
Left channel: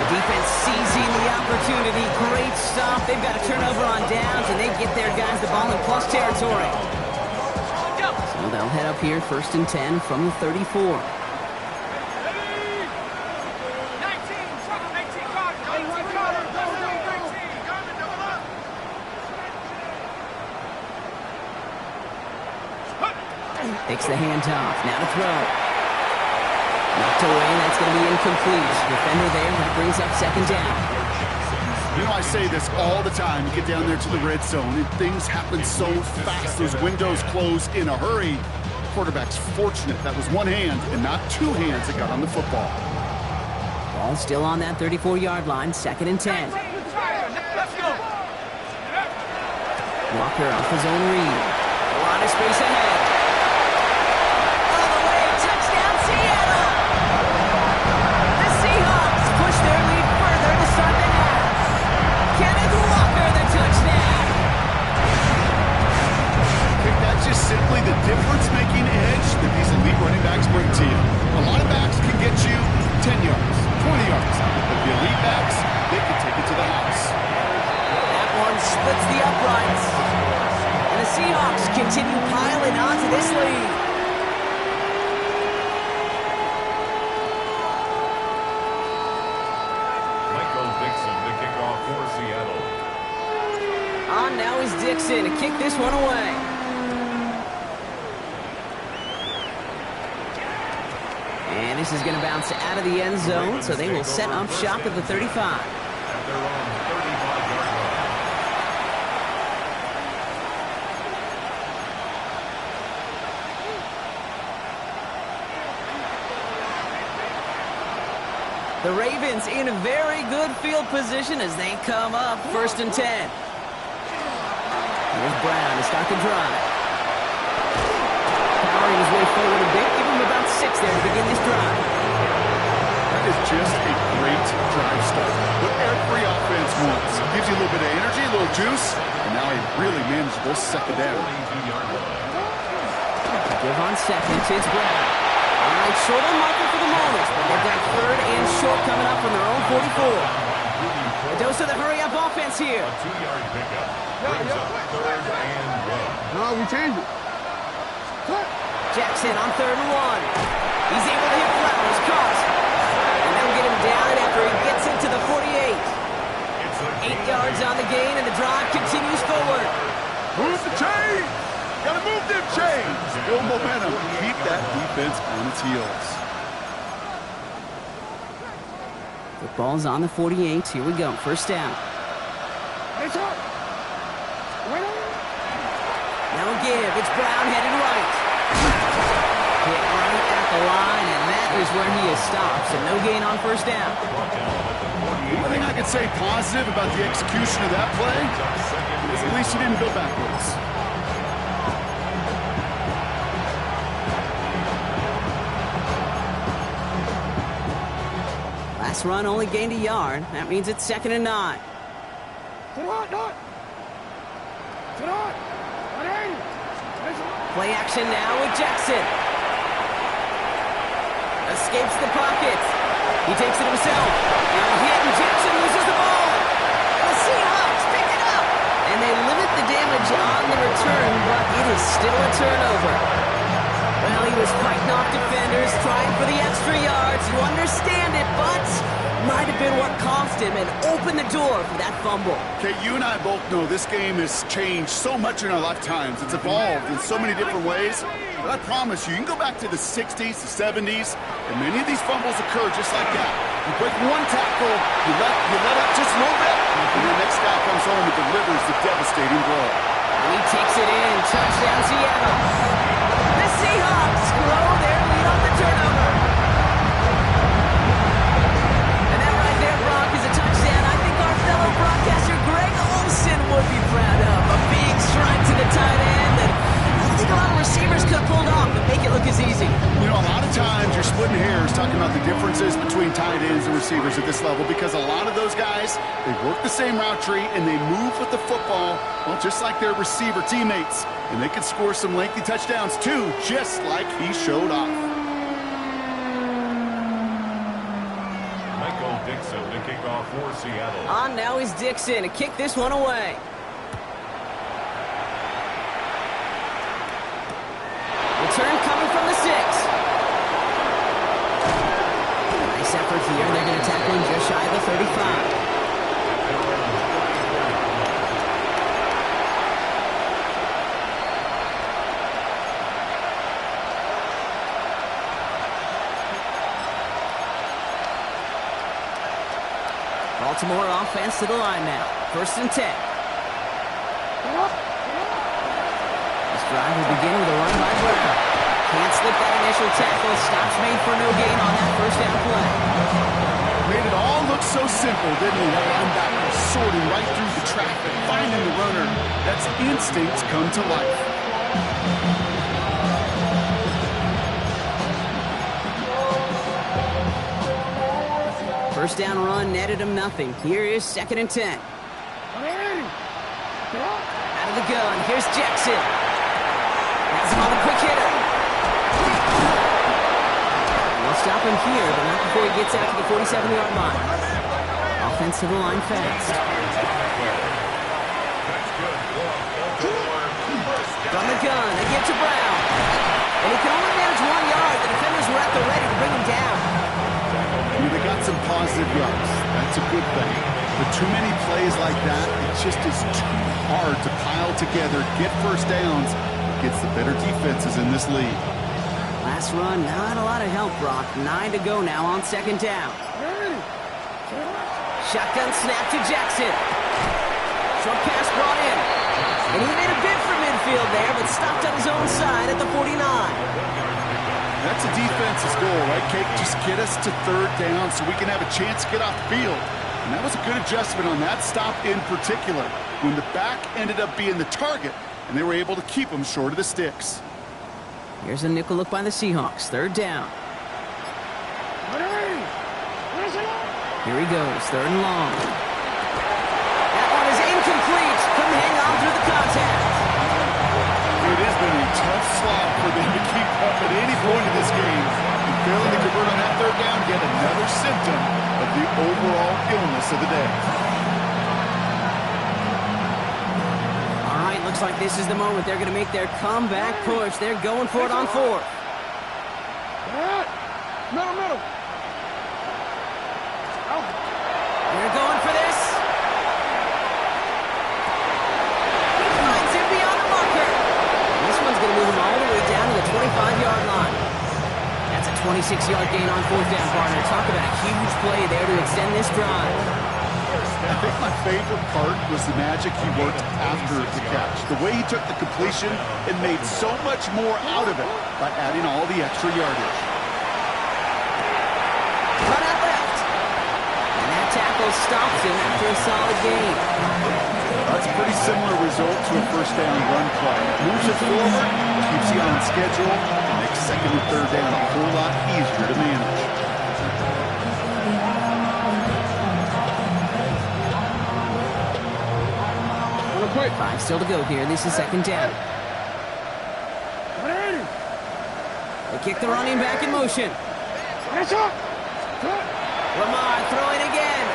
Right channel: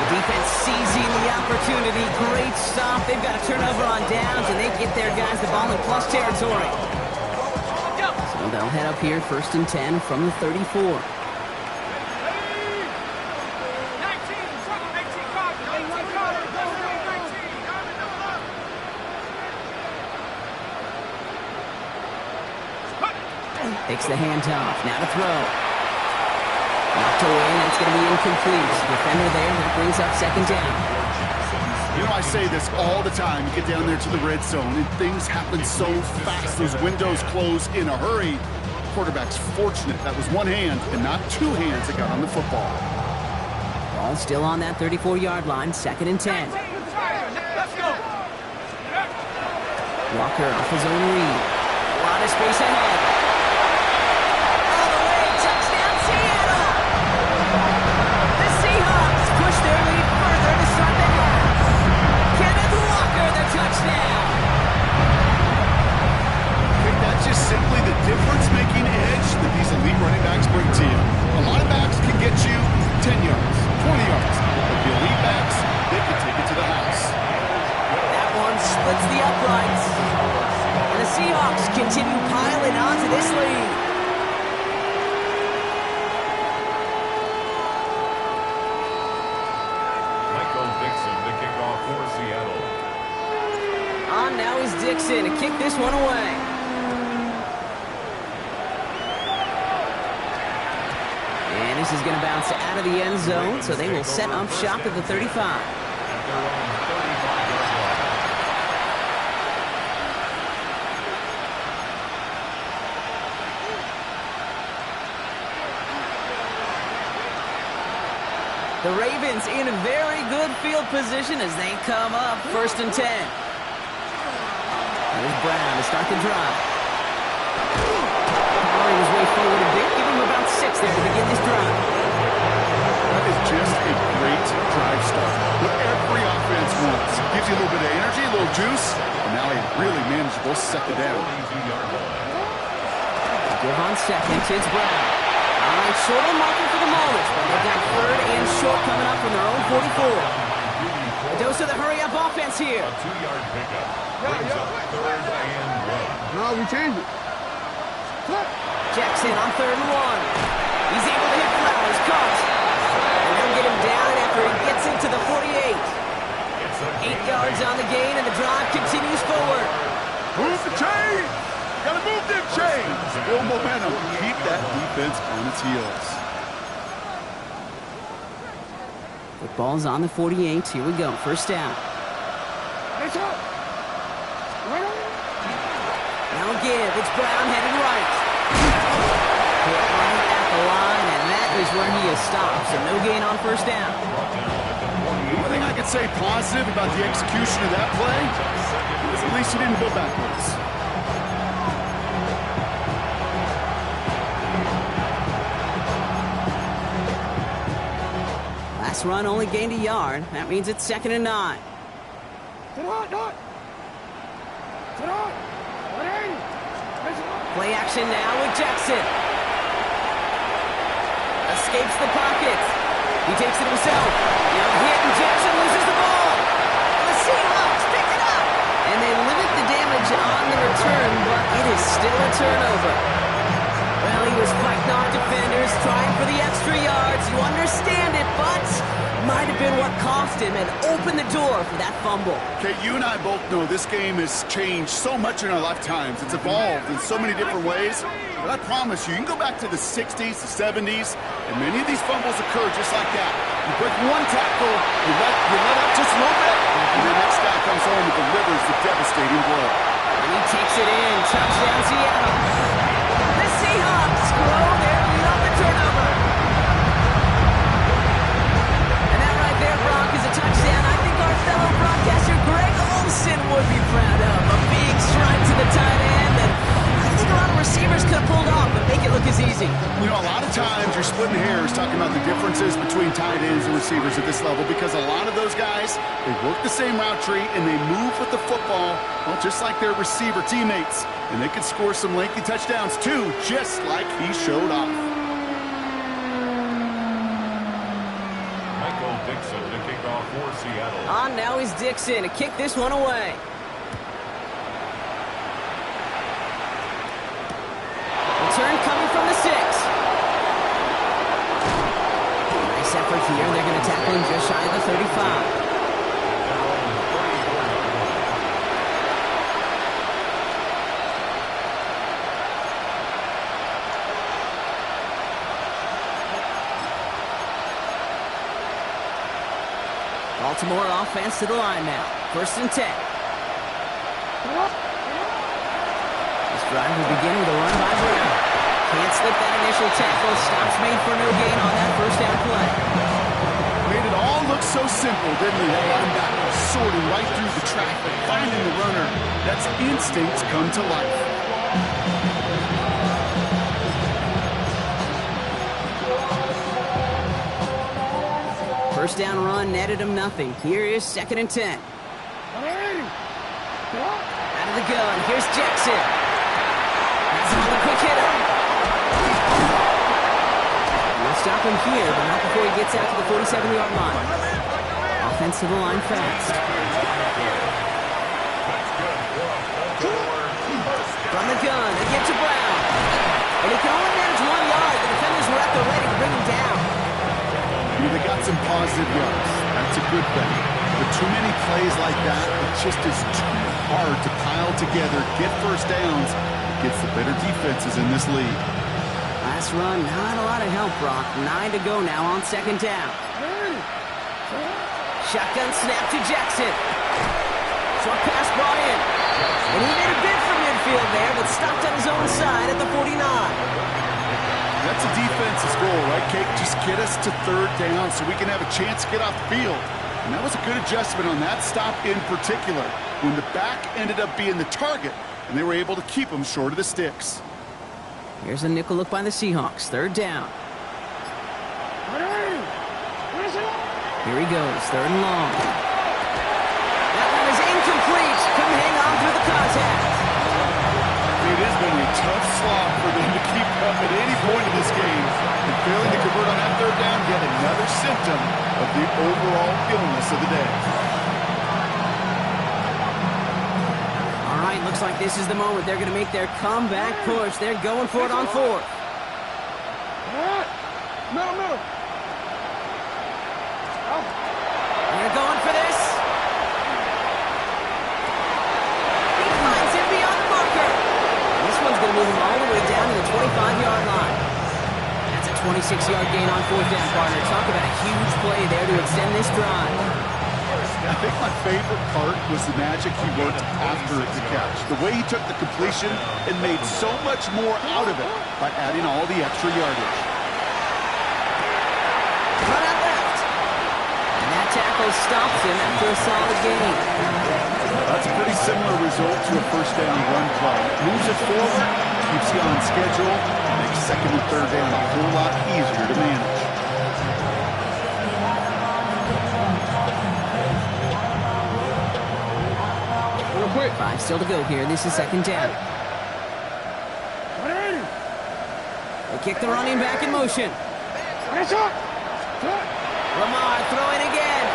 The defense seizing the opportunity. Great stop. They've got a turnover on downs, and they get their guys the ball in plus territory. So they'll head up here 1st and 10 from the 34. 19, 18 Carter, 18 Carter, 19. Takes the handoff. Now to throw. Knocked away, that's going to be incomplete. Defender there, that brings up 2nd down. You know, I say this all the time. You get down there to the red zone, and things happen so fast. Those windows close in a hurry. Quarterback's fortunate that was one hand and not 2 hands that got on the football. Ball still on that 34-yard line, 2nd and 10. Let's go. Walker off his own read. A lot of space ahead. All the way, touchdown Seattle! The Seahawks push their lead further to start the half. Kenneth Walker, the touchdown! That's just simply the difference-making edge that these elite running backs bring to you. A lot of backs can get you 10 yards, 20 yards, but the elite backs, they can take it to the house. That one splits the uprights. And the Seahawks continue piling onto this lead. Michael Dixon, the kickoff for Dixon to kick this one away. And this is going to bounce out of the end zone, so they will set up shop at the 35. At their own 35-yard line. The Ravens in a very good field position as they come up 1st and 10. Here's Brown to start the drive. Powering his way forward a bit, give him about 6 there to begin this drive. That is just a great drive start. What every offense wants. Gives you a little bit of energy, a little juice, and now a really manageable second down. 42-yard line. Give on second, it's Brown. All right, short on marker for the moment, but they've got 3rd and short coming up from their own 44. A dose of the hurry-up offense here. A 2-yard pickup brings up 3rd and 1. No, we changed it. Jackson on 3rd and 1. He's able to hit Flowers, caught. And they'll get him down after he gets into the 48. 8 yards on the gain, and the drive continues forward. Move the chains! Gotta move them chains! Build momentum. Keep that defense on its heels. Football's on the 48. Here we go. 1st down. Now give. It's Brown headed right. Hit right at the line, and that is where he is stopped. So no gain on 1st down. One thing I could say positive about the execution of that play is at least he didn't go backwards. Last run only gained a yard. That means it's 2nd and 9. Play action now with Jackson. Escapes the pocket. He takes it himself. Now hit, and Jackson loses the ball. And the Seahawks pick it up. And they limit the damage on the return, but it is still a turnover. Well, he was fighting off defenders, trying for the extra yards. You understand it, but might have been what cost him and opened the door for that fumble. Okay, you and I both know this game has changed so much in our lifetimes. It's evolved in so many different ways. But I promise you, you can go back to the 60s, the 70s, and many of these fumbles occur just like that. You break one tackle, you let up just a little bit, and the next guy comes home and delivers the devastating blow. And he takes it in. Touchdown, Seattle. The Seahawks grow their lead on the turnover. And that right there, Brock, is a touchdown I think our fellow broadcaster Greg Olsen would be proud of. A big strike to the tight end that I think a lot of receivers could have pulled off and make it look as easy. You know, a lot of times you're splitting hairs talking about the differences between tight ends and receivers at this level because a lot of those guys, they work the same route tree and they move with the football, well, just like their receiver teammates. And they can score some lengthy touchdowns too, just like he showed off. Michael Dixon to kick off for Seattle. On now is Dixon to kick this one away. Return coming from the 6. Nice effort here. They're going to tackle him just shy of the 35. At their own 34-yard line. Baltimore offense to the line now. 1st and 10. This drive will begin with a run by Brown. Can't slip that initial tackle. Stops made for no gain on that 1st down play. Made it all look so simple, didn't he? That linebacker sorting right through the traffic, finding the runner. That's instincts come to life. First down run netted him nothing. Here is 2nd and 10. Out of the gun. Here's Jackson. Has him on the quick hitter. And they'll stop him here, but not before he gets out to the 47-yard line. Offense to the line fast. From the gun, they get to Brown. And he can only manage 1 yard. The defenders were at the ready to bring him down. They got some positive yards. That's a good thing. But too many plays like that, it just is too hard to pile together, get first downs against the better defenses in this league. Last run, not a lot of help, Brock. 9 to go now on second down. Shotgun snap to Jackson. Short pass brought in. And he made a bid for midfield there, but stopped on his own side at the 49. That's a defense's goal, right, Kate? Just get us to third down so we can have a chance to get off the field. And that was a good adjustment on that stop in particular, when the back ended up being the target, and they were able to keep him short of the sticks. Here's a nickel look by the Seahawks. Third down. Here he goes. Third and long. That one is incomplete. Couldn't hang on through the contact. It has been a tough slog for them to keep up at any point in this game. And failing to convert on that third down, yet another symptom of the overall illness of the day. All right, looks like this is the moment. They're going to make their comeback push. They're going for it on fourth. Middle. They're going for this. He finds him beyond the marker. And this one's going to move him all the way down to the 25-yard line. That's a 26-yard gain on fourth down, partner. Talk about a huge play there to extend this drive. I think my favorite part was the magic he worked after the catch. The way he took the completion and made so much more out of it by adding all the extra yardage. Run out left. And that tackle stops him after a solid gain. That's a pretty similar result to a first down run play. Moves it forward, keeps you on schedule, and makes second and third down a whole lot easier to manage. Quick. 5 still to go here. This is second down. They kick the running back in motion. Lamar throwing again.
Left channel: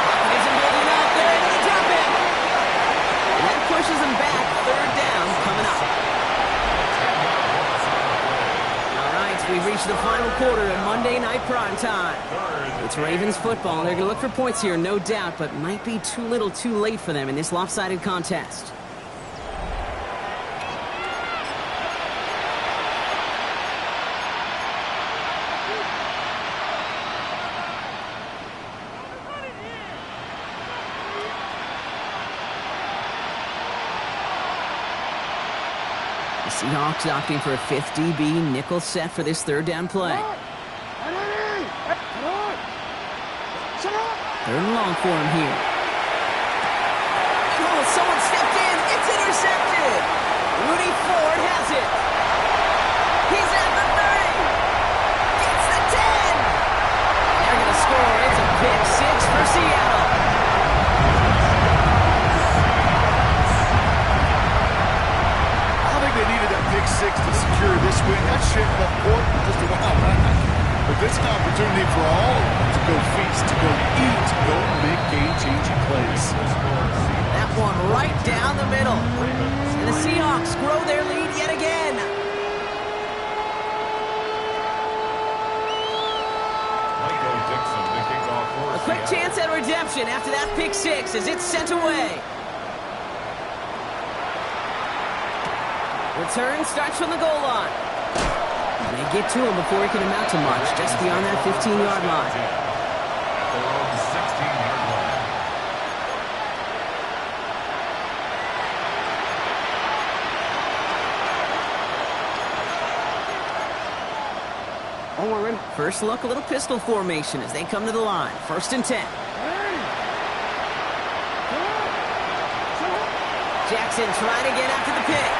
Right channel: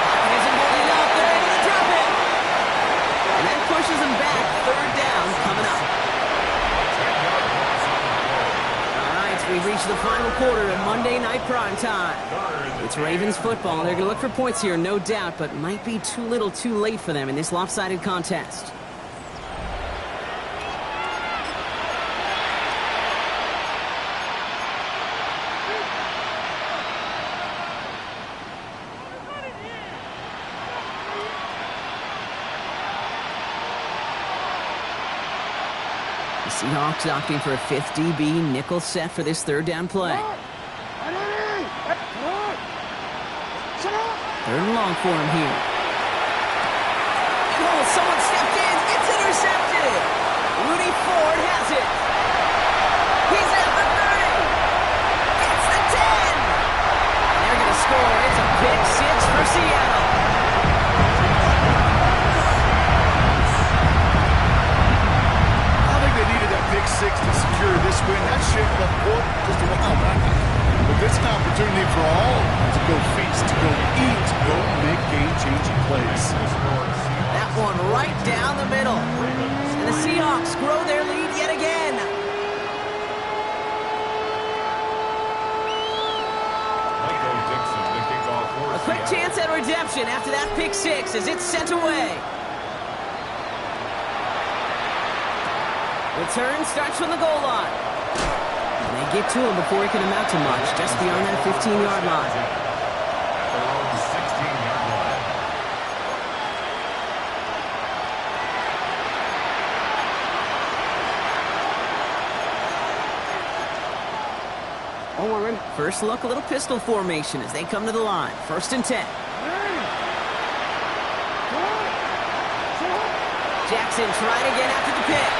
Pocket isn't holding up. They're able to drop it. And that pushes them back. Third down coming up. All right, we've reached the final quarter of Monday Night Prime Time. It's Ravens football. They're going to look for points here, no doubt, but might be too little too late for them in this lopsided contest. The Seahawks opting for a fifth DB nickel set for this third down play. Third and long for him here. And someone stepped in. It's intercepted. Rudy Ford has it. He's at the 30. Gets the 10. And they're going to score. It's a pick six for Seattle. I don't think they needed that pick six to secure this win. That shit left court just a while back. But this is an opportunity for all to go feast, to go eat, to go make game-changing plays. That one right down the middle. And the Seahawks grow their lead yet again. A quick chance at redemption after that pick six as it's sent away. Return starts from the goal line. And they get to him before he can amount to much, just beyond that 15-yard line. At their own 16-yard line. First look, a little pistol formation as they come to the line. First and 10. Jackson trying again after the pick.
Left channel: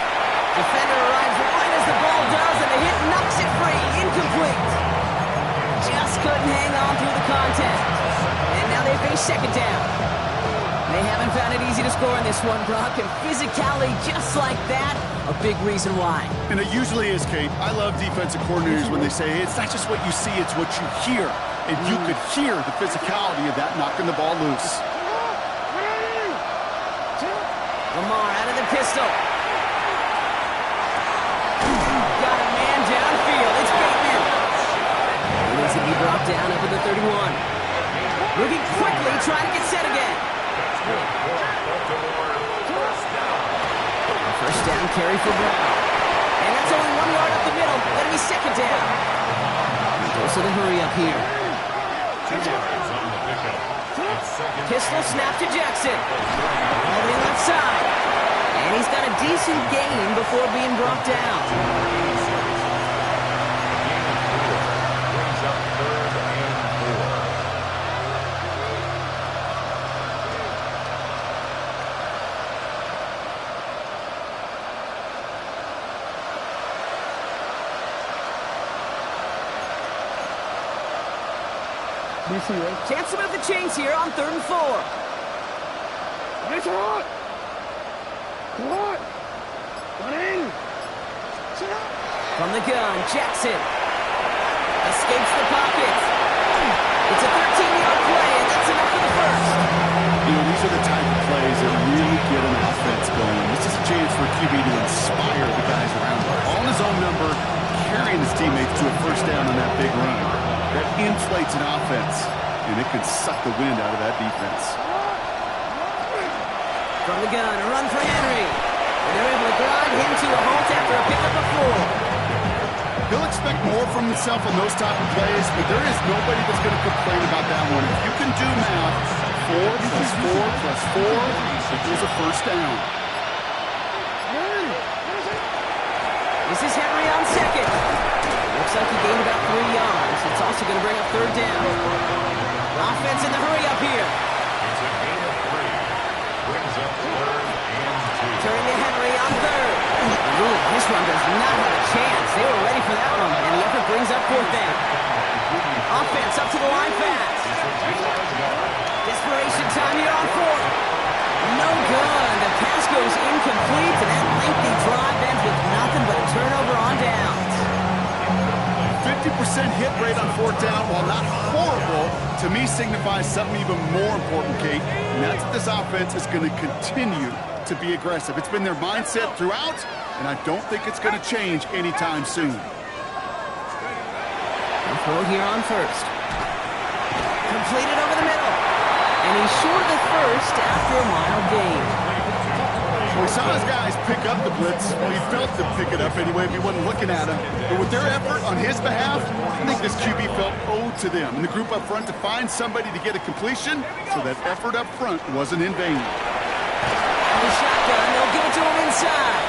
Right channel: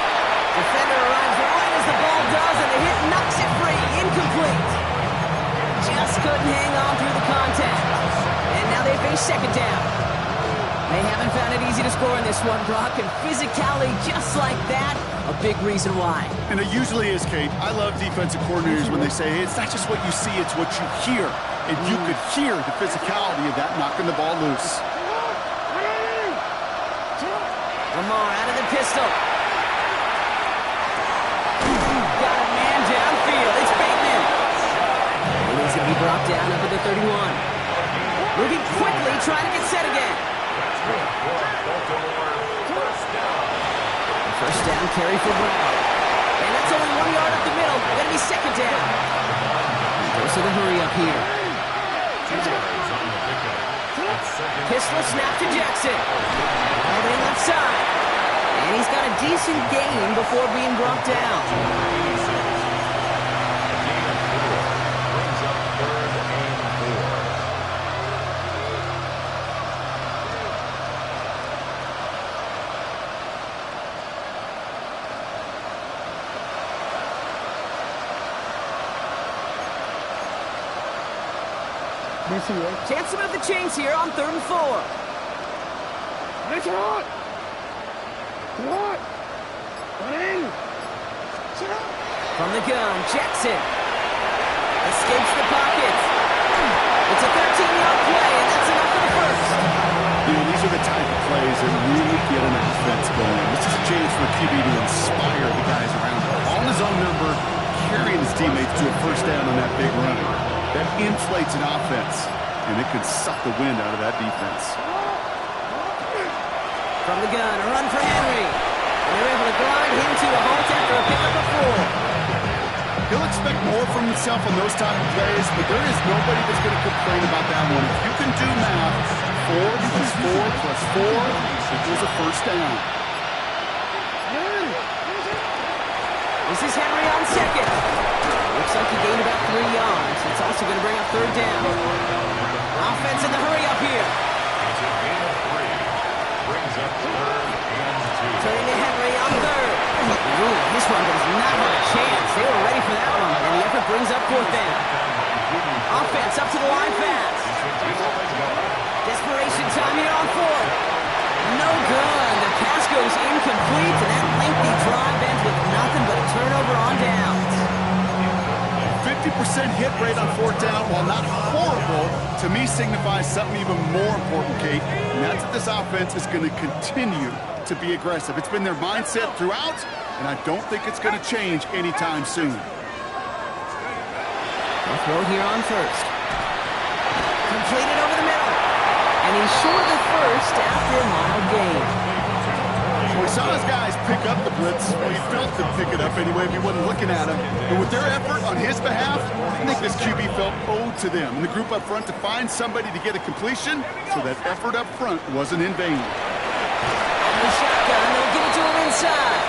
Defender arrives right as the ball does, and the hit knocks it free. Incomplete. Just couldn't hang on through the contact. And now they face second down. They haven't found it easy to score in this one, Brock, and physicality just like that, a big reason why. And it usually is, Kate. I love defensive coordinators when they say, hey, it's not just what you see, it's what you hear. And you could hear the physicality of that knocking the ball loose. Lamar out of the pistol. Got a man downfield. It's Bateman. He needs to be brought down up at the 31. Moving quickly, trying to get set again. That's good for Baltimore. First down. First down carry for Brown. And that's only 1 yard up the middle. Gonna be second down. Goes to the hurry up here. 2 yards on the pickup. It's second. Pistol snap to Jackson. All the left side. And he's got a decent gain before being brought down. 86. A gain of 4 brings up 3rd and 4. Chance to move the chains here on 3rd and 4. From the gun, Jackson escapes the pocket. It's a 13-yard play, and that's enough for the first. You know, these are the type of plays that really get an offense going. This is a chance for QB to inspire the guys around him. On his own number, carrying his teammates to a first down on that big run. That inflates an offense, and it can suck the wind out of that defense. From the gun, a run for Henry. And they're able to grind him to a halt after a pickup of 4. He'll expect more from himself on those type of plays, but there is nobody that's going to complain about that one. If you can do math, 4 plus 4 plus 4 equals a first down. This is Henry on second. Looks like he gained about 3 yards. It's also going to bring up 3rd down. Offense in the hurry up here. It's a gain of 3. Brings up 3rd and 2. Turning to Henry on 3rd. Ooh, this run does not have a chance. They were ready for that one, and the effort brings up 4th down. Offense up to the line fast. Desperation time here on 4th. No good. The pass goes incomplete, and that lengthy drive ends with nothing but a turnover on downs. 50% hit rate on 4th down, while not horrible, to me signifies something even more important, Kate, and that's that this offense is going to continue to be aggressive. It's been their mindset throughout, and I don't think it's going to change anytime soon. They'll throw here on 1st. Completed over the middle. And he's short of the first after a mild gain. Well, we saw his guys pick up the blitz. Well, he felt them pick it up anyway if he wasn't looking at him. But with their effort on his behalf, I think this QB felt owed to them and the group up front to find somebody to get a completion, so that effort up front wasn't in vain. And the shotgun, they'll give it to him inside.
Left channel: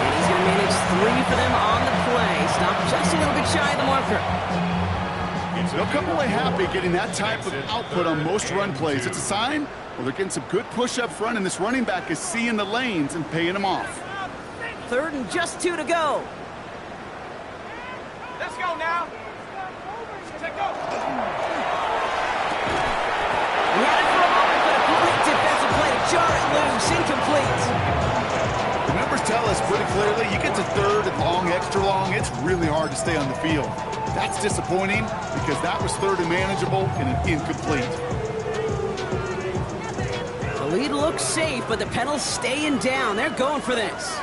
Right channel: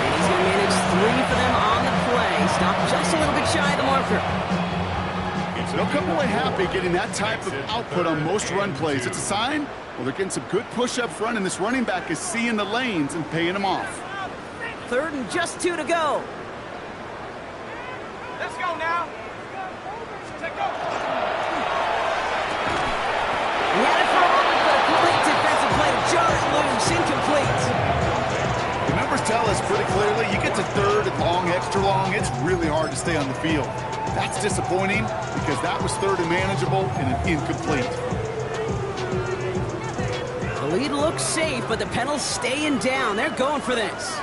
And he's going to manage 3 for them on the play. Stop just a little bit shy of the marker. They'll come away happy getting that type of output on most run plays. It's a sign, well, they're getting some good push up front, and this running back is seeing the lanes and paying them off. 3rd and just 2 to go. Let's go now. Take go. He had it for a moment, but a great defensive play to jar it loose. Incomplete. The numbers tell us pretty clearly, you get to 3rd and long, extra long, it's really hard to stay on the field. That's disappointing because that was 3rd and manageable and an incomplete. The lead looks safe, but the pedals staying down. They're going for this.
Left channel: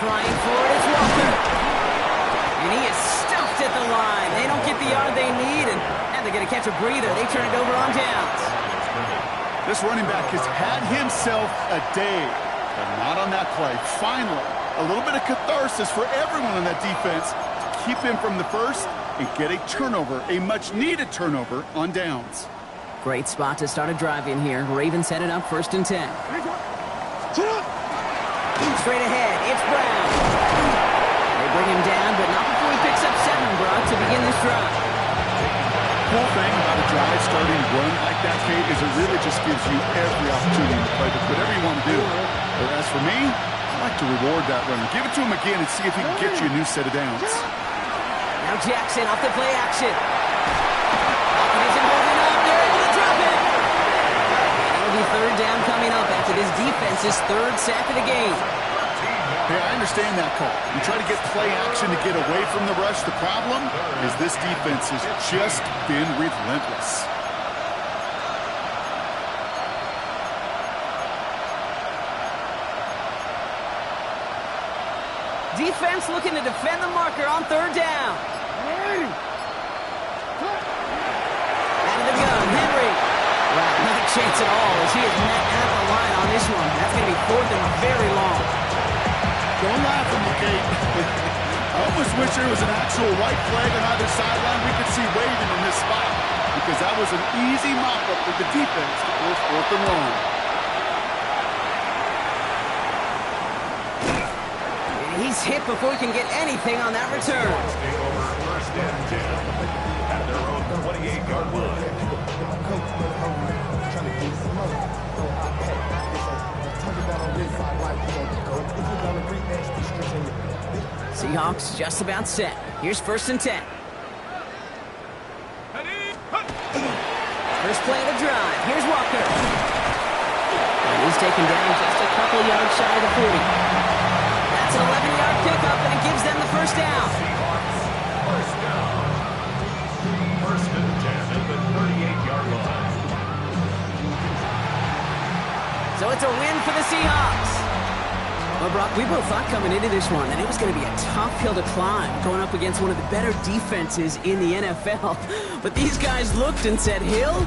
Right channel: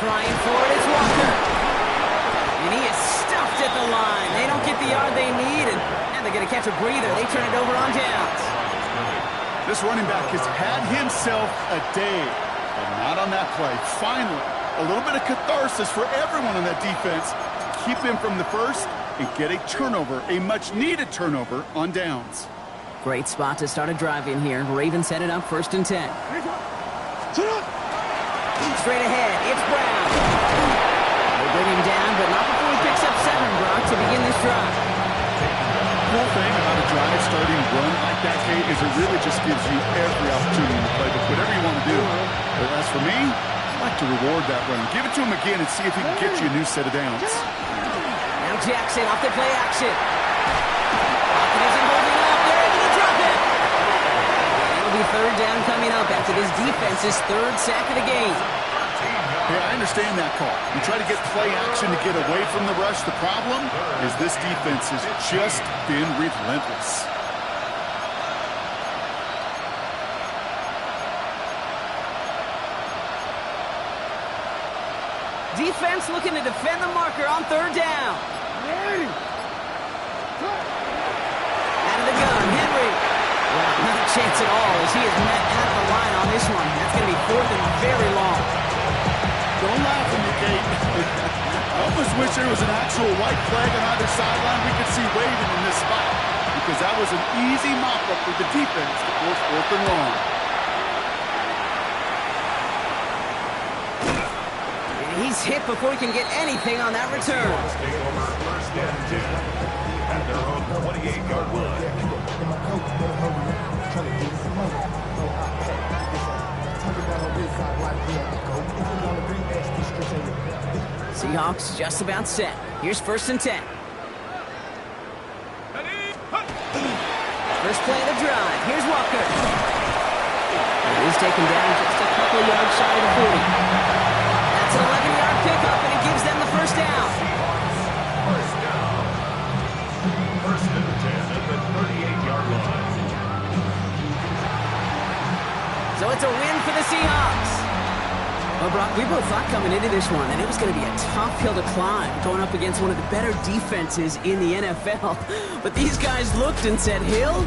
Trying for it, it's Walker. And he is stuffed at the line. They don't get the yard they need, and they're going to catch a breather. They turn it over on downs. This running back has had himself a day, but not on that play. Finally, a little bit of catharsis for everyone on that defense to keep him from the first and get a turnover, a much-needed turnover on downs. Great spot to start a drive in here. Ravens set it up 1st and 10. Straight ahead, it's Brown. They bring him down, but not before he picks up 7, Brock, to begin this drive. Cool thing about a drive starting run like that, Kate, is it really just gives you every opportunity in the playbook, whatever you want to do. But as for me, I like to reward that runner. Give it to him again and see if he can get you a new set of downs. Now Jackson off the play action. Pocket isn't holding up. They're able to drop it. And it'll be 3rd down coming up after this defense's 3rd sack of the game. Hey, I understand that call. You try to get play action to get away from the rush. The problem is this defense has just been relentless. defense looking to defend the marker on third down. Out of the gun, Henry. Wow, not a chance at all as he is met out of the line on this one. That's going to be fourth and very long. Don't laugh at me, Kate. I almost wish there was an actual white flag on either sideline we could see waving in this spot, because that was an easy mop-up for the defense to force fourth and long. And he's hit before he can get anything on that return. Take over first and 10 at their own 28-yard line. Seahawks just about set. Here's first and 10. First play of the drive. Here's Walker. And he's taken down just a couple yards shy of the 40. That's an 11-yard pickup, and it gives them the first down. First down. First and 10 at the 38-yard line. So it's a win for the Seahawks. Well, Brock, we both thought coming into this one that it was going to be a tough hill to climb, going up against one of the better defenses in the NFL. But these guys looked and said, Hill,